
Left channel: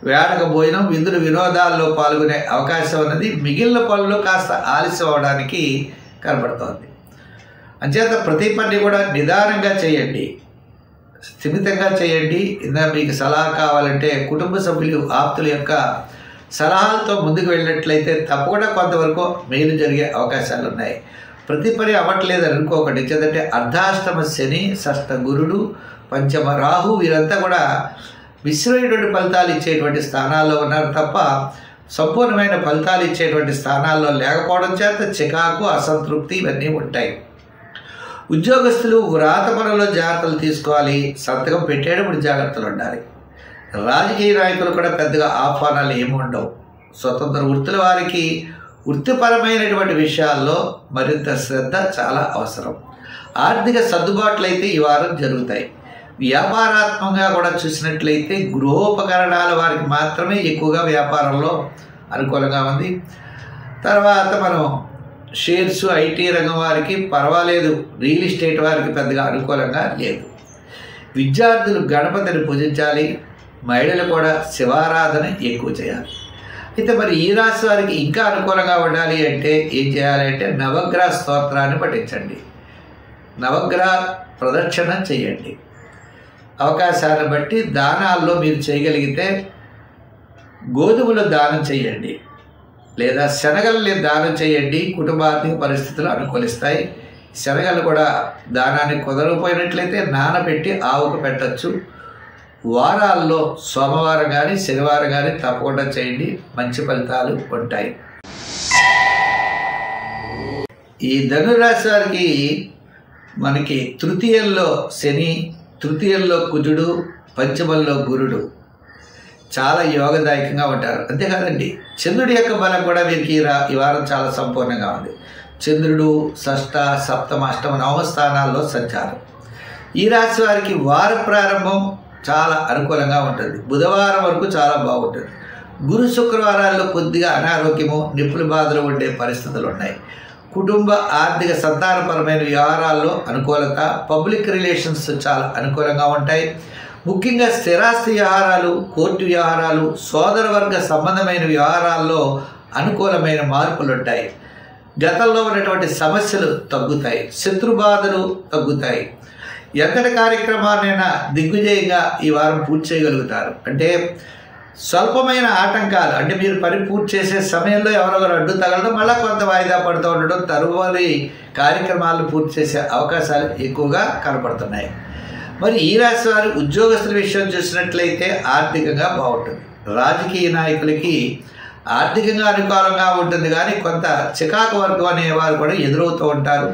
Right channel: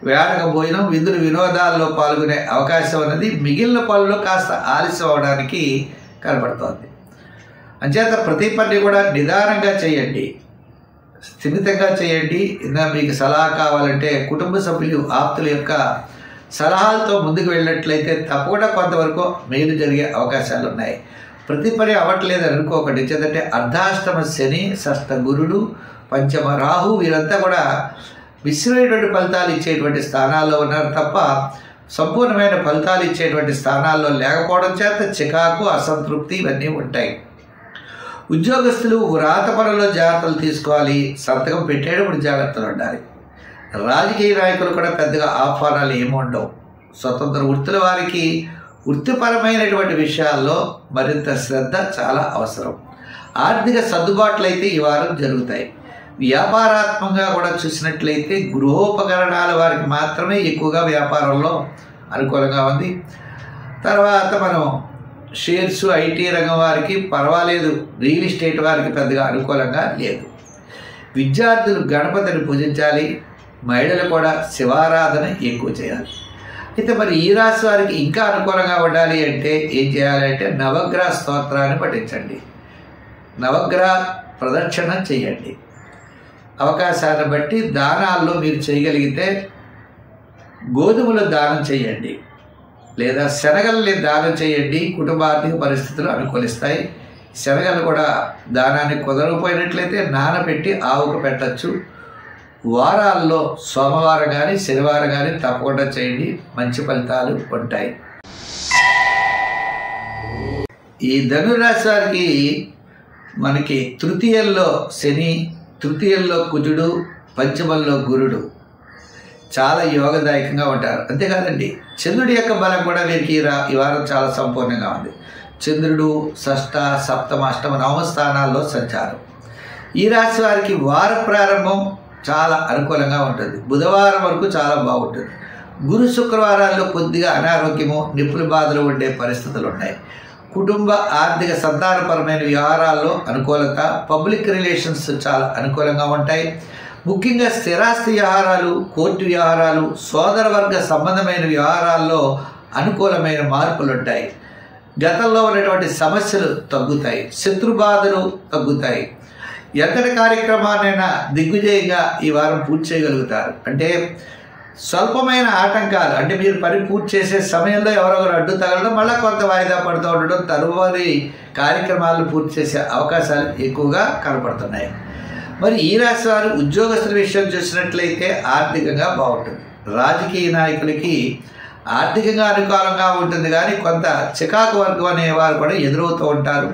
వేడక భోజనం, విందులు, వినోదాల్లో పాల్గొనే అవకాశం ఉన్నది. మిగిలిన పనులు కాస్త ఆలస్యం అవడానికి కనబడుతోంది. అంచేత ప్రతి పని కూడా నిదానంగా చేయండి, స్థిమితంగా చేయండి. మీకు సలహా కావాలంటే కుటుంబ సభ్యులు, ఆప్తుల యొక్క సలహాలతో ముందుకు వెళ్ళినట్లయితే తప్పకుండా కొంతవరకు మేలు జరిగే అవకాశాలు ఉన్నాయి. ప్రతి పని అవ్వట్లేదని అనుకోకండి. ఎందుకంటే అర్ధాష్టమ శని, షష్ఠ గురుడు, పంచమ రాహు వీరంతా కూడా మిశ్రమైనటువంటి ఫలితాలు ఇచ్చేటువంటి స్థానాల్లో ఉన్నారు తప్ప సంపూర్ణమైన ఫలితాలు ఇచ్చేటువంటి స్థానాల్లో లేకపోవడం చేత చికాకు, అసంతృప్తి ఇవన్నీ ఉంటాయి. ఉద్యోగస్తులు వ్రాత పనుల్లో జాగ్రత్తలు తీసుకోవాలి. సంతకం పెట్టేటప్పుడు జాగ్రత్తలు ఉండాలి. రాజకీయ నాయకులు కూడా పెద్దగా ఆహ్వానాలు ఏమి ఉండవు. స్వతంత్ర వృత్తుల వారికి వృత్తిపరమైనటువంటి విషయాల్లో మరింత శ్రద్ధ చాలా అవసరం. ఆర్థిక సర్దుబాట్లు అయితే ఈ వారం జరుగుతాయి. వ్యాపారాత్మకంగా కూడా చూసినట్లయితే గృహోపకరణాల వారికి మాత్రమే ఎక్కువగా వ్యాపారంలో అనుకూలంగా ఉంది. తర్వాత మనం షేర్స్, ఐటీ రంగం వారికి పర్వాలేదు, రియల్ ఎస్టేట్ వారికి పెద్దగా అనుకూలంగా లేదు. విద్యార్థులు గణపతిని పూజించాలి, మహిళలు కూడా శివారాధన ఎక్కువ చేయాలి. అయితే మరి ఈ రాశి వారికి ఇంకా అనుకూలంగా ఉండాలి అంటే ఏం చేయాలి అంటే నవగ్రహ స్తోత్రాన్ని పఠించండి, నవగ్రహ ప్రదక్షిణ చేయండి. అవకాశాన్ని బట్టి దానాల్లో మీరు చేయగలిగితే గోధుమలు దానం చేయండి, లేదా శనగల్ని దానం చేయండి. కుటుంబ ఆర్థిక పరిస్థితులు అనుకూలిస్తాయి. శనగలు కూడా దానాన్ని కుదరకపోయినట్లయితే నానబెట్టి ఆవుకు పెట్టచ్చు. వారాల్లో సోమవారం కానీ శనివారం కానీ తప్పకుండా చేయండి, మంచి ఫలితాలు ఉంటాయి. ఈ ధనురాశి వారికి మనకి తృతీయంలో శని, తృతీయంలో కుజుడు, పంచమంలో గురుడు చాలా యోగదాయకంగా ఉంటారు. అంతేకాదండి, చంద్రుడి యొక్క బలం కూడా వీరికి ఈ వారం చాలా సంపూర్ణంగా ఉంది. చంద్రుడు షష్ఠ, సప్తమ, అష్టమ, నవమ స్థానాల్లో సంచారం. ఈ రాశి వారికి వార ప్రారంభం చాలా అనుకూలంగా ఉంటుంది. బుధవారం వరకు చాలా బాగుంటుంది. గురు శుక్రవారాల్లో కొద్దిగా అనారోగ్యము, నిప్పుల బాధలు ఉండే పరిస్థితులు ఉన్నాయి. కుటుంబ ఆర్థిక సంతానపరమైన వ్యవహారాల్లో అనుకూలత, పబ్లిక్ రిలేషన్స్ చాలా అనుకూలంగా ఉంటాయి. ముఖ్యంగా స్థిరాస్తి వ్యవహారాలు, కోర్టు వ్యవహారాలు, సోదరవర్గ సంబంధమైన వ్యవహారాల్లో అనుకూలమైన మార్పులు ఉంటాయి. గతంలో ఉన్నటువంటి సమస్యలు తగ్గుతాయి, శత్రుబాధలు తగ్గుతాయి. ఎంతటి కార్యక్రమాన్నైనా దిగ్విజయంగా ఈ వారం పూర్తి చేయగలుగుతారు. అంటే స్వల్పమైన ఆటంకాలు, అంటే మీరు పని పూర్తి చేసే సమయంలో ఎవరొకరు అడ్డు తగలడం, మళ్ళీ కొంత వాయిదా పడుతూ ఉండడం, తరువారి కార్యక్రమాలను పూర్తి చేసే అవకాశాలు ఎక్కువగా కనపడుతున్నాయి. మరి ఈ రాశి వారు ఉద్యోగస్తుల విషయం చూసినట్లయితే ఆర్థికంగా బాగుంటుంది. రాజకీయ నాయకులకి ఆర్థికంగా అనుకూలంగా ఉంటుంది, కానీ కొంత చికాకు వర్గం అనేవారు కూడా ఎదురవుతూ ఉంటారు.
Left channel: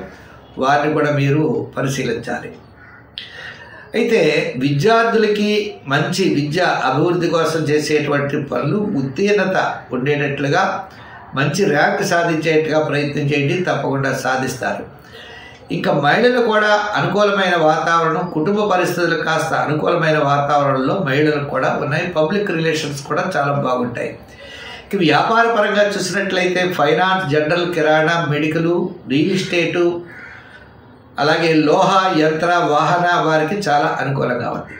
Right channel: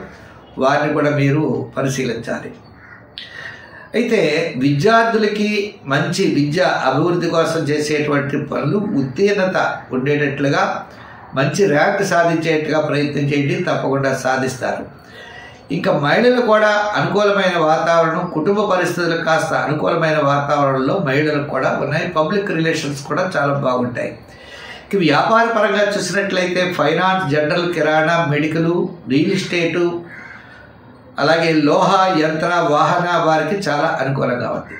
వారిని కూడా మీరు పరిశీలించాలి. అయితే విద్యార్థులకి మంచి విద్య అభివృద్ధి కోసం చేసేటువంటి పనులు ఉత్తీర్ణత ఉండేటట్లుగా, మంచి ర్యాంక్ సాధించేట్టుగా ప్రయత్నం చేయండి, తప్పకుండా సాధిస్తారు. ఇంకా మహిళలు కూడా అనుకూలమైన వాతావరణం, కుటుంబ పరిస్థితులు కాస్త అనుకూలమైన వాతావరణంలో మహిళలకు కూడా ఉన్నాయి. పబ్లిక్ రిలేషన్స్ కూడా చాలా బాగుంటాయి. ఇక వ్యాపార పరంగా చూసినట్లయితే ఫైనాన్స్, జనరల్, కిరాణా, మెడికల్, రియల్ ఎస్టేటు, అలాగే లోహ, యంత్ర, వాహన వారికి చాలా అనుకూలంగా ఉంది.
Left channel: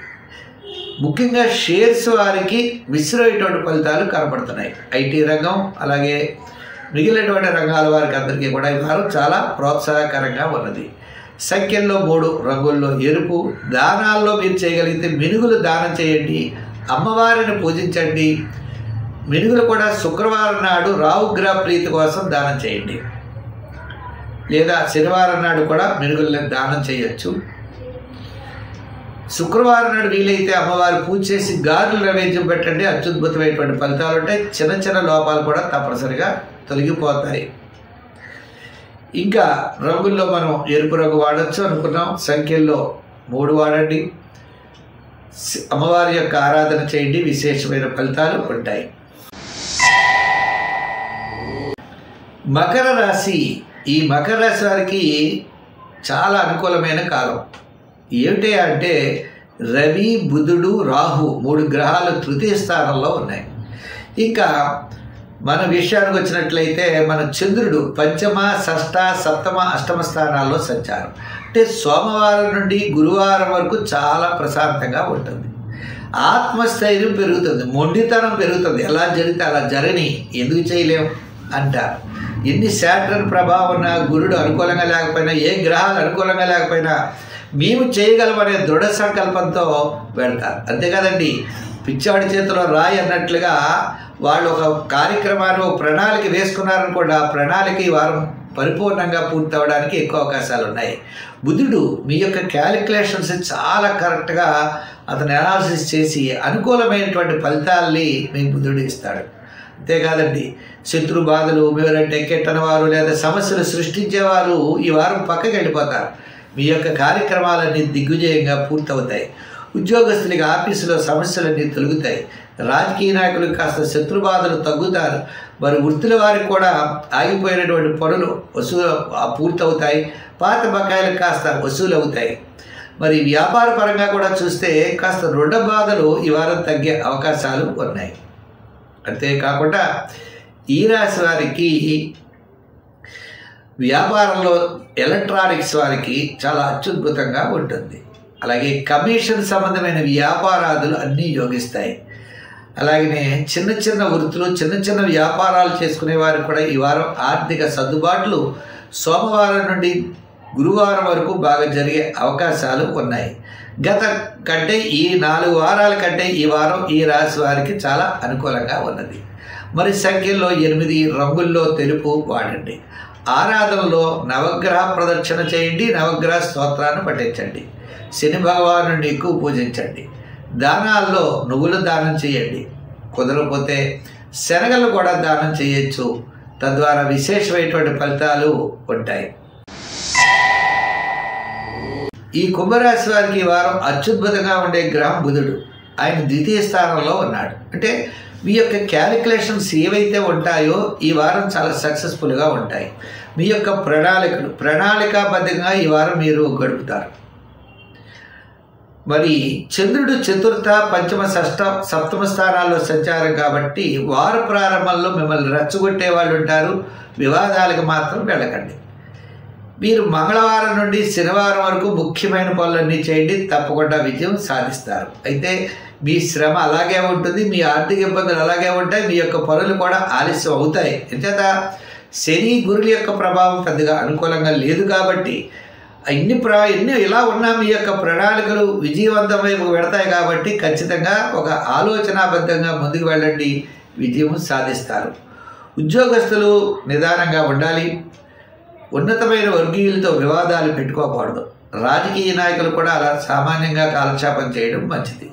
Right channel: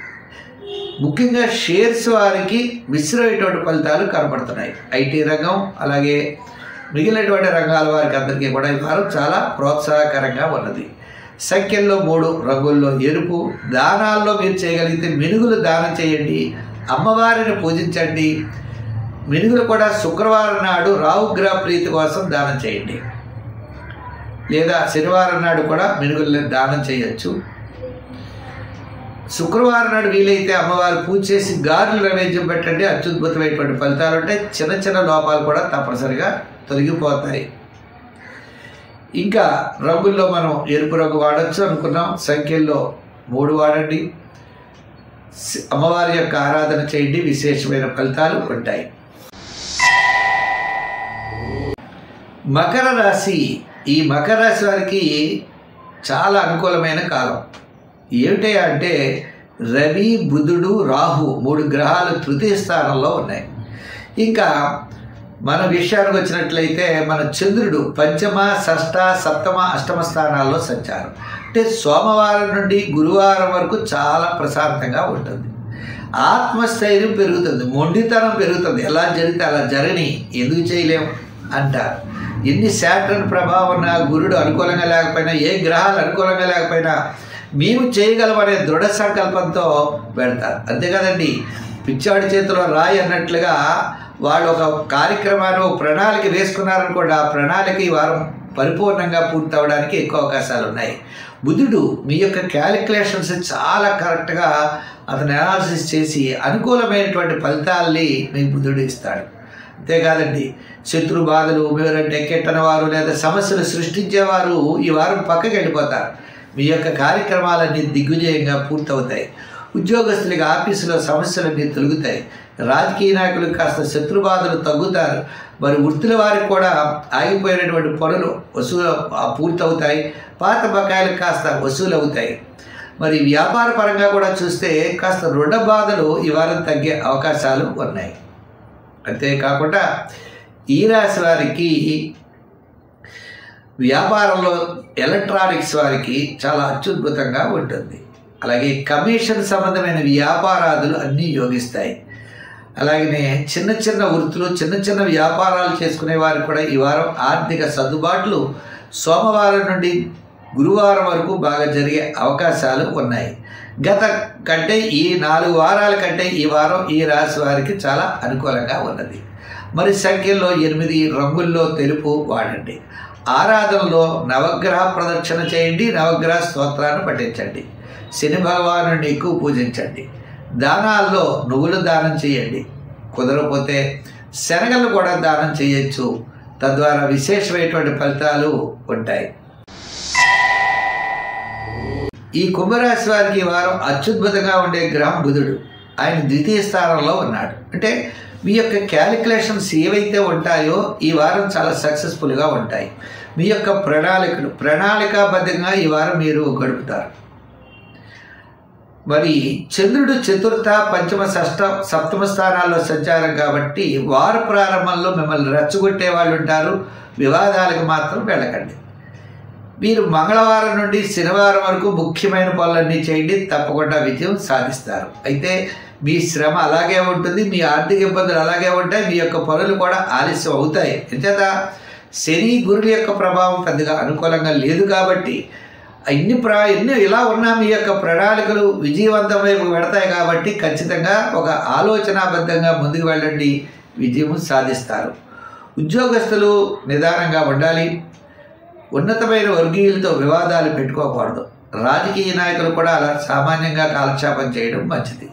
ముఖ్యంగా షేర్స్ వారికి మిశ్రమైనటువంటి ఫలితాలు కనపడుతున్నాయి. ఐటీ రంగం, అలాగే మిగిలినటువంటి రంగాల వారికి అందరికీ కూడా ఈ వారం చాలా ప్రోత్సాహకరంగా ఉన్నది. సంఖ్యల్లో 3, రంగుల్లో ఎరుపు. దానాల్లో మీరు చేయగలిగితే మినుగులు దానం చేయండి, అమ్మవారిని పూజించండి. మినుగులు కూడా శుక్రవారం నాడు రాహుగ్రహ ప్రీతి కోసం దానం చేయండి, లేదా శనివారం నాడు కూడా మినుగులను దానం చేయొచ్చు. శుక్రవారం నాడు వీలైతే అమ్మవారు పూజ చేసి గారెలు నైవేద్యం పెట్టండి, అత్యద్భుతమైనటువంటి ఫలితాలు ఉంటాయి. చిన్న చిన్న లోపాలు కూడా తప్పనిసరిగా తొలగిపోతాయి. ఇంకా రంగుల్లో మనం ఎరుపు రంగు వాడచ్చు అనుకున్నాం. సంఖ్యల్లో 3 వాడండి. అమ్మవారి యొక్క ఆరాధన చేయండి, విశేషమైన ఫలితాలు ఉంటాయి. మకర రాశి. ఈ మకర రాశి వారికి చాలా అనుకూలమైన కాలం. ఏమిటి అంటే రవి, బుధుడు, రాహు 3 గ్రహాలు తృతీయ స్థానంలో ఉన్నాయి. ఇంకా మన విషయానికి వచ్చినట్లయితే మన చంద్రుడు పంచమ, షష్ఠ, సప్తమ, అష్టమ స్థానాల్లో సంచారం. అంటే సోమవారం నుండి గురువారం వరకు చాలా ప్రశాంతంగా ఉంటుంది. ఆత్మస్థైర్యం పెరుగుతుంది, మొండితనం పెరుగుతుంది. ఎలా జరిగితే అలా జరగని, ఎందుకు చేయలేం అంటారు. ఎన్ని శాటర్న్ ప్రభావం ఉన్న, గురుడు అనుకూలంగా లేకపోయినా, ఏ గ్రహాలు అనుకూలంగా లేకపోయినా మేము చేయగలమనే దృఢ సంకల్పంతో పెడతారు. అంతేకాదండి, పిచ్చాడి చేతిలో రాయి అన్నట్లుగా వాళ్ళు ఒక కార్యక్రమాన్ని, ప్రణాళిక వేసుకున్నారనుకోండి, ఆ ప్రణాళిక ఈ వారం పరిపూర్ణంగా పూర్తి అవ్వడానికి ఎక్కువ అవకాశాలు ఉన్నాయి. బుధుడు మీ యొక్క క్యాలిక్యులేషన్స్ చాలా కరెక్ట్గా అతను అనాలిసిస్ చేసి అనుకూలమైనటువంటి ఫలితాలని మీకు బుధుడు ఇస్తాడు. అంతేకాదండి, శత్రు బాధలు, మీరంటే ఎక్కెట్టని వారు లేదా సమస్యలు సృష్టించేవారు ఈ వారం పక్కకి వెళ్ళిపోతారు. మీ యొక్క కార్యక్రమాలన్నీ దిగ్విజయంగా పూర్తవుతాయి. ఉద్యోగస్తులకి ఆఫీసులో సమస్యలన్నీ తొలగుతాయి. రాజకీయ నాయకులకు కాస్త శత్రుబాధలు తగ్గుతారు. మరి వృత్తుల వారికి కూడా ఆగిపోయినటువంటి పనులు పూర్తవుతాయి. పాత బకాయిలకు కాస్త వసూలు అవుతాయి. మరి వ్యాపార పరంగా కూడా చూస్తే కాస్త రుణ బాధలు ఈ వారం తగ్గే అవకాశాలు ఉన్నాయి. అంతేకాకుండా ఈ రాశి వారికి వ్యాపారంలో ఎలక్ట్రానిక్స్ వారికి చాలా అత్యద్భుతంగా ఉంటుంది. అలాగే కమిషన్ సంబంధమైన వ్యాపారాదులు అన్నీ యోగిస్తాయి. అలాగనే చిన్న చిన్న వృత్తులు, చిన్న చిన్న వ్యాపారాలు చేసుకునే వారికి కూడా ఈ వారం ఆర్థిక సర్దుబాట్లు సోమవారం నుండి గురువారం వరకు బాగా జరిగే అవకాశాలు ఉన్నాయి. గత కంటే ఈ 4 వారాల కంటే ఈ వారం ఈ రాశి వారికి చాలా అనుకూలంగా ఉన్నది. మరి సంఖ్యల్లో 8, రంగుల్లో తెలుపు వాడండి. ఆరాధనలో నవగ్రహ ప్రదక్షిణ చేయండి, నవగ్రహ స్తోత్రాన్ని పఠించండి, శని భగవానుడిని ఎక్కువ పూజించండి, దానాల్లో నువ్వులు దానం చేయండి, కుదరకపోతే శనగలు కూడా దానం చేయొచ్చు. తద్వారా విశేషమైనటువంటి ఫలితాలు ఉంటాయి. ఈ కుంభరాశి వారికి ఈ వారం అత్యద్భుతంగా ఉండే గ్రహం బుధుడు. ఆయన ద్వితీయ స్థానంలో ఉన్నాడు. అంటే మీ యొక్క క్యాలిక్యులేషన్స్ ఏవైతే ఉంటాయో ఈ వారం చాలా సక్సెస్ఫుల్గా ఉంటాయి. మీ యొక్క ప్రణాళికాబద్ధంగా ఈ వారం మీరు గడుపుతారు. మరి చంద్రుడు చతుర్థ, పంచమ, సప్తమ స్థానాల్లో సంచారం కాబట్టి వార ప్రారంభంలో మిమ్మల్ని రెచ్చగొట్టే వాళ్ళు ఉంటారు. వివాదాలకు మాత్రం వెళ్ళకండి. మీరు మంగళవారం నుండి శనివారం వరకు ముఖ్యమైన పనులన్నీ చేయండి, తప్పకుండా విజయం సాధిస్తారు. అయితే మీ శ్రమ అలాగే ఉంటుంది, మీ ఆర్థిక ఇబ్బందులు అలాగే ఉంటాయి, మీ యొక్క పనులు కూడా ఆలస్యం అవుతాయి. ఎంచేత శని గురుల యొక్క ప్రభావం పెద్దగా అనుకూలంగా లేదు కాబట్టి ఎన్ని ఇలా ఉన్నా మీ యొక్క ప్రణాళికలు విజయవంతం వైపు పెడతాయి. కాబట్టి ఖచ్చితంగా ఒక ఆలోచనాబద్ధంగా ముందుకు వెళ్ళండి, విజయం సాధిస్తారు. ఉద్యోగస్తులు నిదానంగా ఉండాలి. ఉన్నతమైన వర్గీయులతో వివాదాలు పెట్టుకోకూడదు. రాజకీయ నాయకులు కూడా అలా సామాన్యంగా కాలక్షేపం చేయడం మంచిది.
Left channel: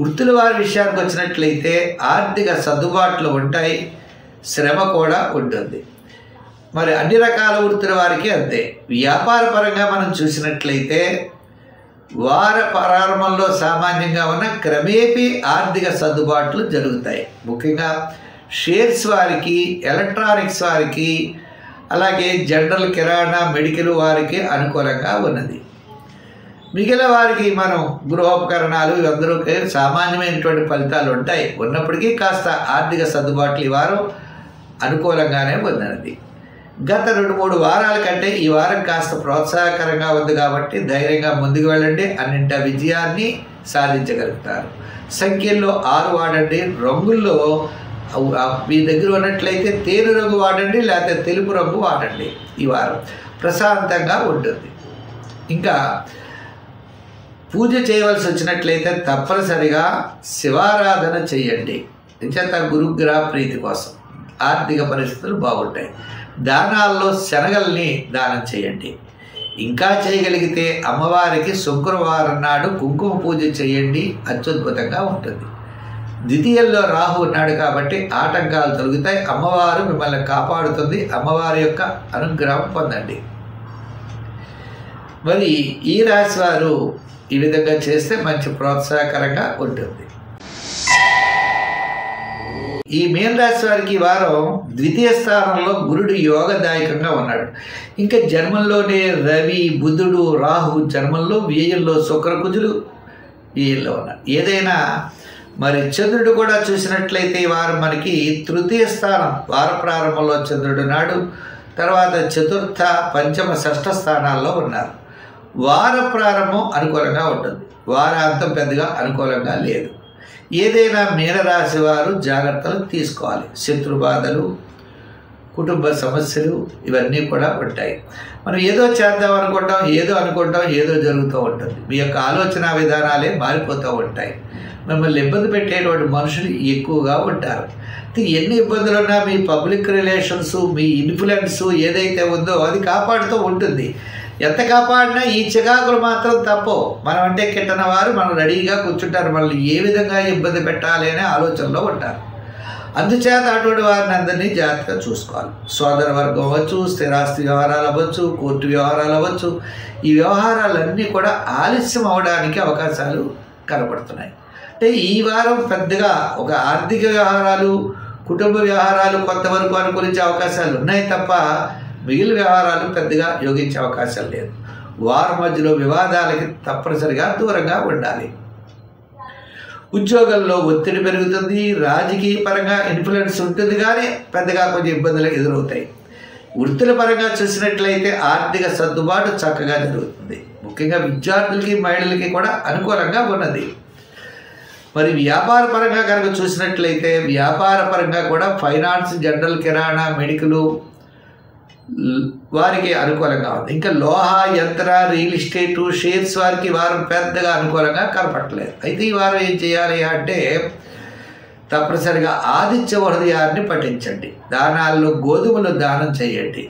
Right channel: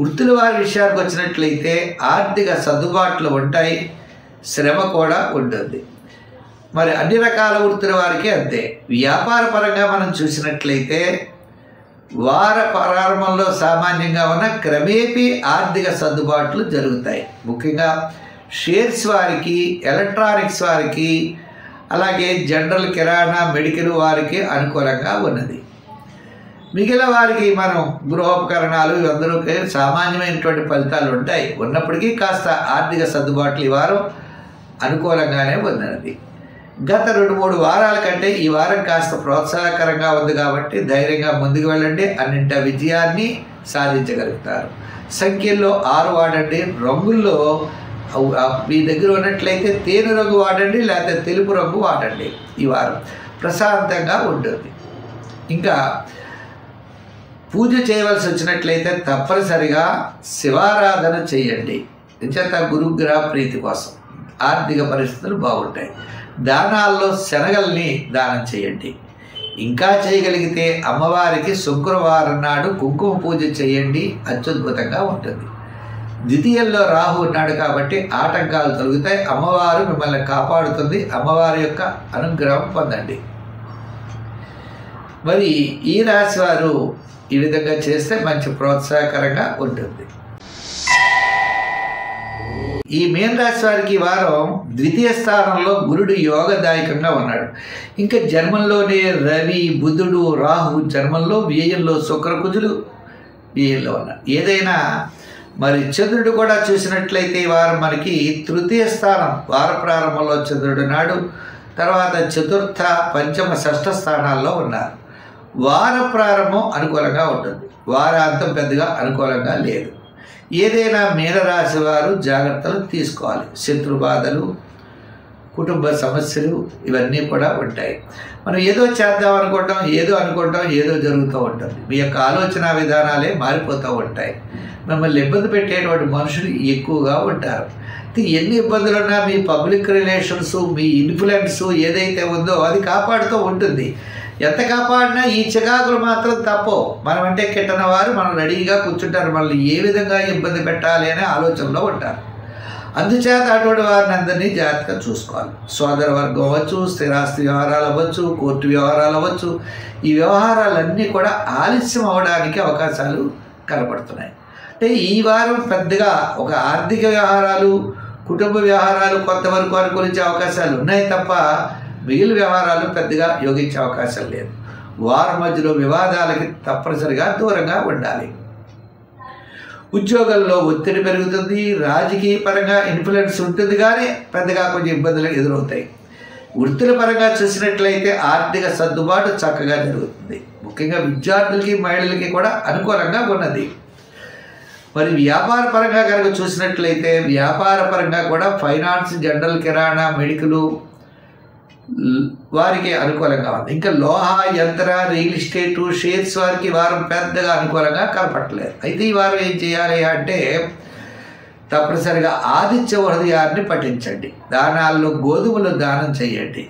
వృత్తుల వారి విషయానికి వచ్చినట్లయితే ఆర్థిక సర్దుబాట్లు ఉంటాయి, శ్రమ కూడా ఉంటుంది. మరి అన్ని రకాల వృత్తుల వారికి అంతే. వ్యాపార పరంగా మనం చూసినట్లయితే వార ప్రారంభంలో సామాన్యంగా ఉన్న క్రమేపీ ఆర్థిక సర్దుబాట్లు జరుగుతాయి. ముఖ్యంగా షేర్స్ వారికి, ఎలక్ట్రానిక్స్ వారికి, అలాగే జనరల్ కిరాణా, మెడికల్ వారికి అనుకూలంగా ఉన్నది. మిగిలిన వారికి మనం గృహోపకరణాలు అందరికీ సామాన్యమైనటువంటి ఫలితాలు ఉంటాయి. ఉన్నప్పటికీ కాస్త ఆర్థిక సర్దుబాట్లు ఈ వారం అనుకూలంగానే ఉన్నది. గత 2-3 వారాల కంటే ఈ వారం కాస్త ప్రోత్సాహకరంగా ఉంది కాబట్టి ధైర్యంగా ముందుకు వెళ్ళండి, అన్నింటా విజయాన్ని సాధించగలుగుతారు. సంఖ్యల్లో 6 వాడండి. రంగుల్లో మీ దగ్గర ఉన్నట్లయితే తేనె రంగు వాడండి, లేకపోతే తెలుపు రంగు వాడండి. ఈ వారం ప్రశాంతంగా ఉంటుంది. ఇంకా పూజ చేయవలసి వచ్చినట్లయితే తప్పనిసరిగా శివారాధన చేయండి. ఎంచేత గురుగ్రహ ప్రీతి కోసం ఆర్థిక పరిస్థితులు బాగుంటాయి. దానాల్లో శనగల్ని దానం చేయండి. ఇంకా చేయగలిగితే అమ్మవారికి శుక్రవారం నాడు కుంకుమ పూజ చేయండి, అత్యద్భుతంగా ఉంటుంది. ద్వితీయంలో రాహు ఉన్నాడు కాబట్టి ఆటంకాలు తొలగుతాయి. అమ్మవారు మిమ్మల్ని కాపాడుతుంది. అమ్మవారి యొక్క అనుగ్రహం పొందండి. మరి ఈ రాశి వారు ఈ విధంగా చేస్తే మంచి ప్రోత్సాహకరంగా ఉంటుంది. ఈ మీన రాశి వారికి ఈ వారం ద్వితీయ స్థానంలో గురుడు యోగదాయకంగా ఉన్నాడు. ఇంకా జన్మంలోనే రవి, బుధుడు, రాహు జన్మంలో, వ్యయంలో శుక్రకుజులు వ్యయంలో ఉన్నారు. ఏదైనా మరి చంద్రుడు కూడా చూసినట్లయితే ఈ వారం మనకి తృతీయ స్థానం వార ప్రారంభంలో చంద్రుడు నాడు, తర్వాత చతుర్థ, పంచమ, షష్ఠ స్థానాల్లో ఉన్నారు. వార ప్రారంభం అనుకూలంగా ఉంటుంది, వారాంతం పెద్దగా అనుకూలంగా లేదు. ఏదైనా మీనరాశి వారు జాగ్రత్తలు తీసుకోవాలి. శత్రుబాధలు, కుటుంబ సమస్యలు ఇవన్నీ కూడా ఉంటాయి. మనం ఏదో చేద్దాం అనుకుంటాం, ఏదో జరుగుతూ ఉంటుంది. మీ యొక్క ఆలోచన విధానాలే మారిపోతూ ఉంటాయి. మిమ్మల్ని ఇబ్బంది పెట్టేటువంటి మనుషులు ఎక్కువగా ఉంటారు. ఎన్ని ఇబ్బందులు ఉన్నా మీ పబ్లిక్ రిలేషన్స్, మీ ఇన్ఫ్లుయెన్స్ ఏదైతే ఉందో అది కాపాడుతూ ఉంటుంది. ఎంత కాపాడినా ఈ చికాకులు మాత్రం తప్పవు. మనం అంటే కిట్టన వారు మనం రెడీగా కూర్చుంటారు, మనల్ని ఏ విధంగా ఇబ్బంది పెట్టాలి అనే ఆలోచనలో ఉంటారు. అందుచేత అటువంటి వారిని అందరినీ జాగ్రత్తగా చూసుకోవాలి. సోదర వర్గం అవ్వచ్చు, స్థిరాస్తి వ్యవహారాలు అవ్వచ్చు, కోర్టు వ్యవహారాలు అవ్వచ్చు, ఈ వ్యవహారాలన్నీ కూడా ఆలస్యం అవడానికి అవకాశాలు కనపడుతున్నాయి. అంటే ఈ వారం పెద్దగా ఒక ఆర్థిక వ్యవహారాలు, కుటుంబ వ్యవహారాలు కొంతవరకు అనుకూలించే అవకాశాలు ఉన్నాయి తప్ప మిగిలిన వ్యవహారాలు పెద్దగా యోగించే అవకాశం లేదు. వారం మధ్యలో వివాదాలకి తప్పనిసరిగా దూరంగా ఉండాలి. ఉద్యోగంలో ఒత్తిడి పెరుగుతుంది, రాజకీయ పరంగా ఇన్ఫ్లుయెన్స్ ఉంటుంది, కానీ పెద్దగా కొంచెం ఇబ్బందులు ఎదురవుతాయి. వృత్తుల పరంగా చూసినట్లయితే ఆర్థిక సర్దుబాటు చక్కగా జరుగుతుంది. ముఖ్యంగా విద్యార్థులకి, మహిళలకి కూడా అనుకూలంగా ఉన్నది. మరి వ్యాపార పరంగా కనుక చూసినట్లయితే వ్యాపార పరంగా కూడా ఫైనాన్స్, జనరల్, కిరాణా, మెడికల్ వారికి అనుకూలంగా ఉంది. ఇంకా లోహ, యంత్ర, రియల్ ఎస్టేటు, షేర్స్ వారికి వారం పెద్దగా అనుకూలంగా కనపడలేదు. అయితే ఈ వారం ఏం చేయాలి అంటే తప్పనిసరిగా ఆదిత్య హృదయాన్ని పఠించండి. దానాల్లో గోధుమలు దానం చేయండి,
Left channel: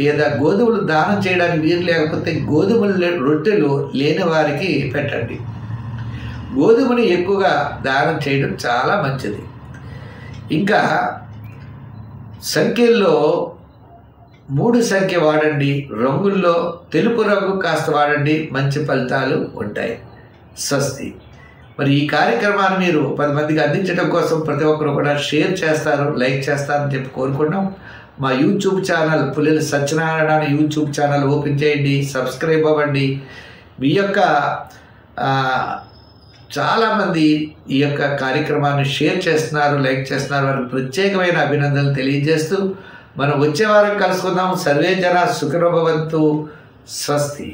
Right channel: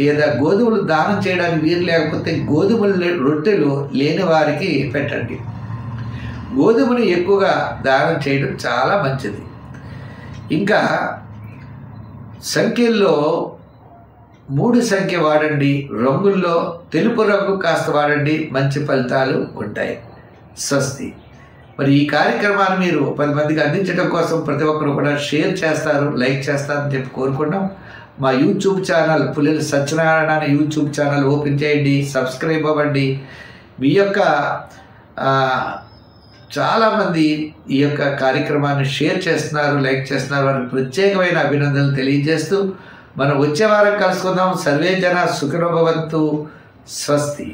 లేదా గోధుమలు దానం చేయడానికి వీలు లేకపోతే గోధుమలు రొట్టెలు లేని వారికి పెట్టండి. గోధుమని ఎక్కువగా దానం చేయడం చాలా మంచిది. ఇంకా సంఖ్యల్లో 3 సంఖ్య వాడండి, రంగుల్లో తెలుపు రంగు కాస్త వాడండి, మంచి ఫలితాలు ఉంటాయి. స్వస్తి. మరి ఈ కార్యక్రమాన్ని మీరు 10 మందికి అందించడం కోసం ప్రతి ఒక్కరు కూడా షేర్ చేస్తారు, లైక్ చేస్తారని చెప్పి కోరుకుంటాం. మా యూట్యూబ్ ఛానల్ పుల్లెల సత్యనారాయణ అనే యూట్యూబ్ ఛానల్ ఓపెన్ చేయండి, సబ్స్క్రైబ్ అవ్వండి. మీ యొక్క చాలామంది ఈ యొక్క కార్యక్రమాన్ని షేర్ చేస్తున్నారు, లైక్ చేస్తున్నారు. వారికి ప్రత్యేకమైన అభినందనలు తెలియజేస్తూ మనం వచ్చే వారం కలుసుకుందాం. సర్వే జన సుఖినో భవంతు. స్వస్తి.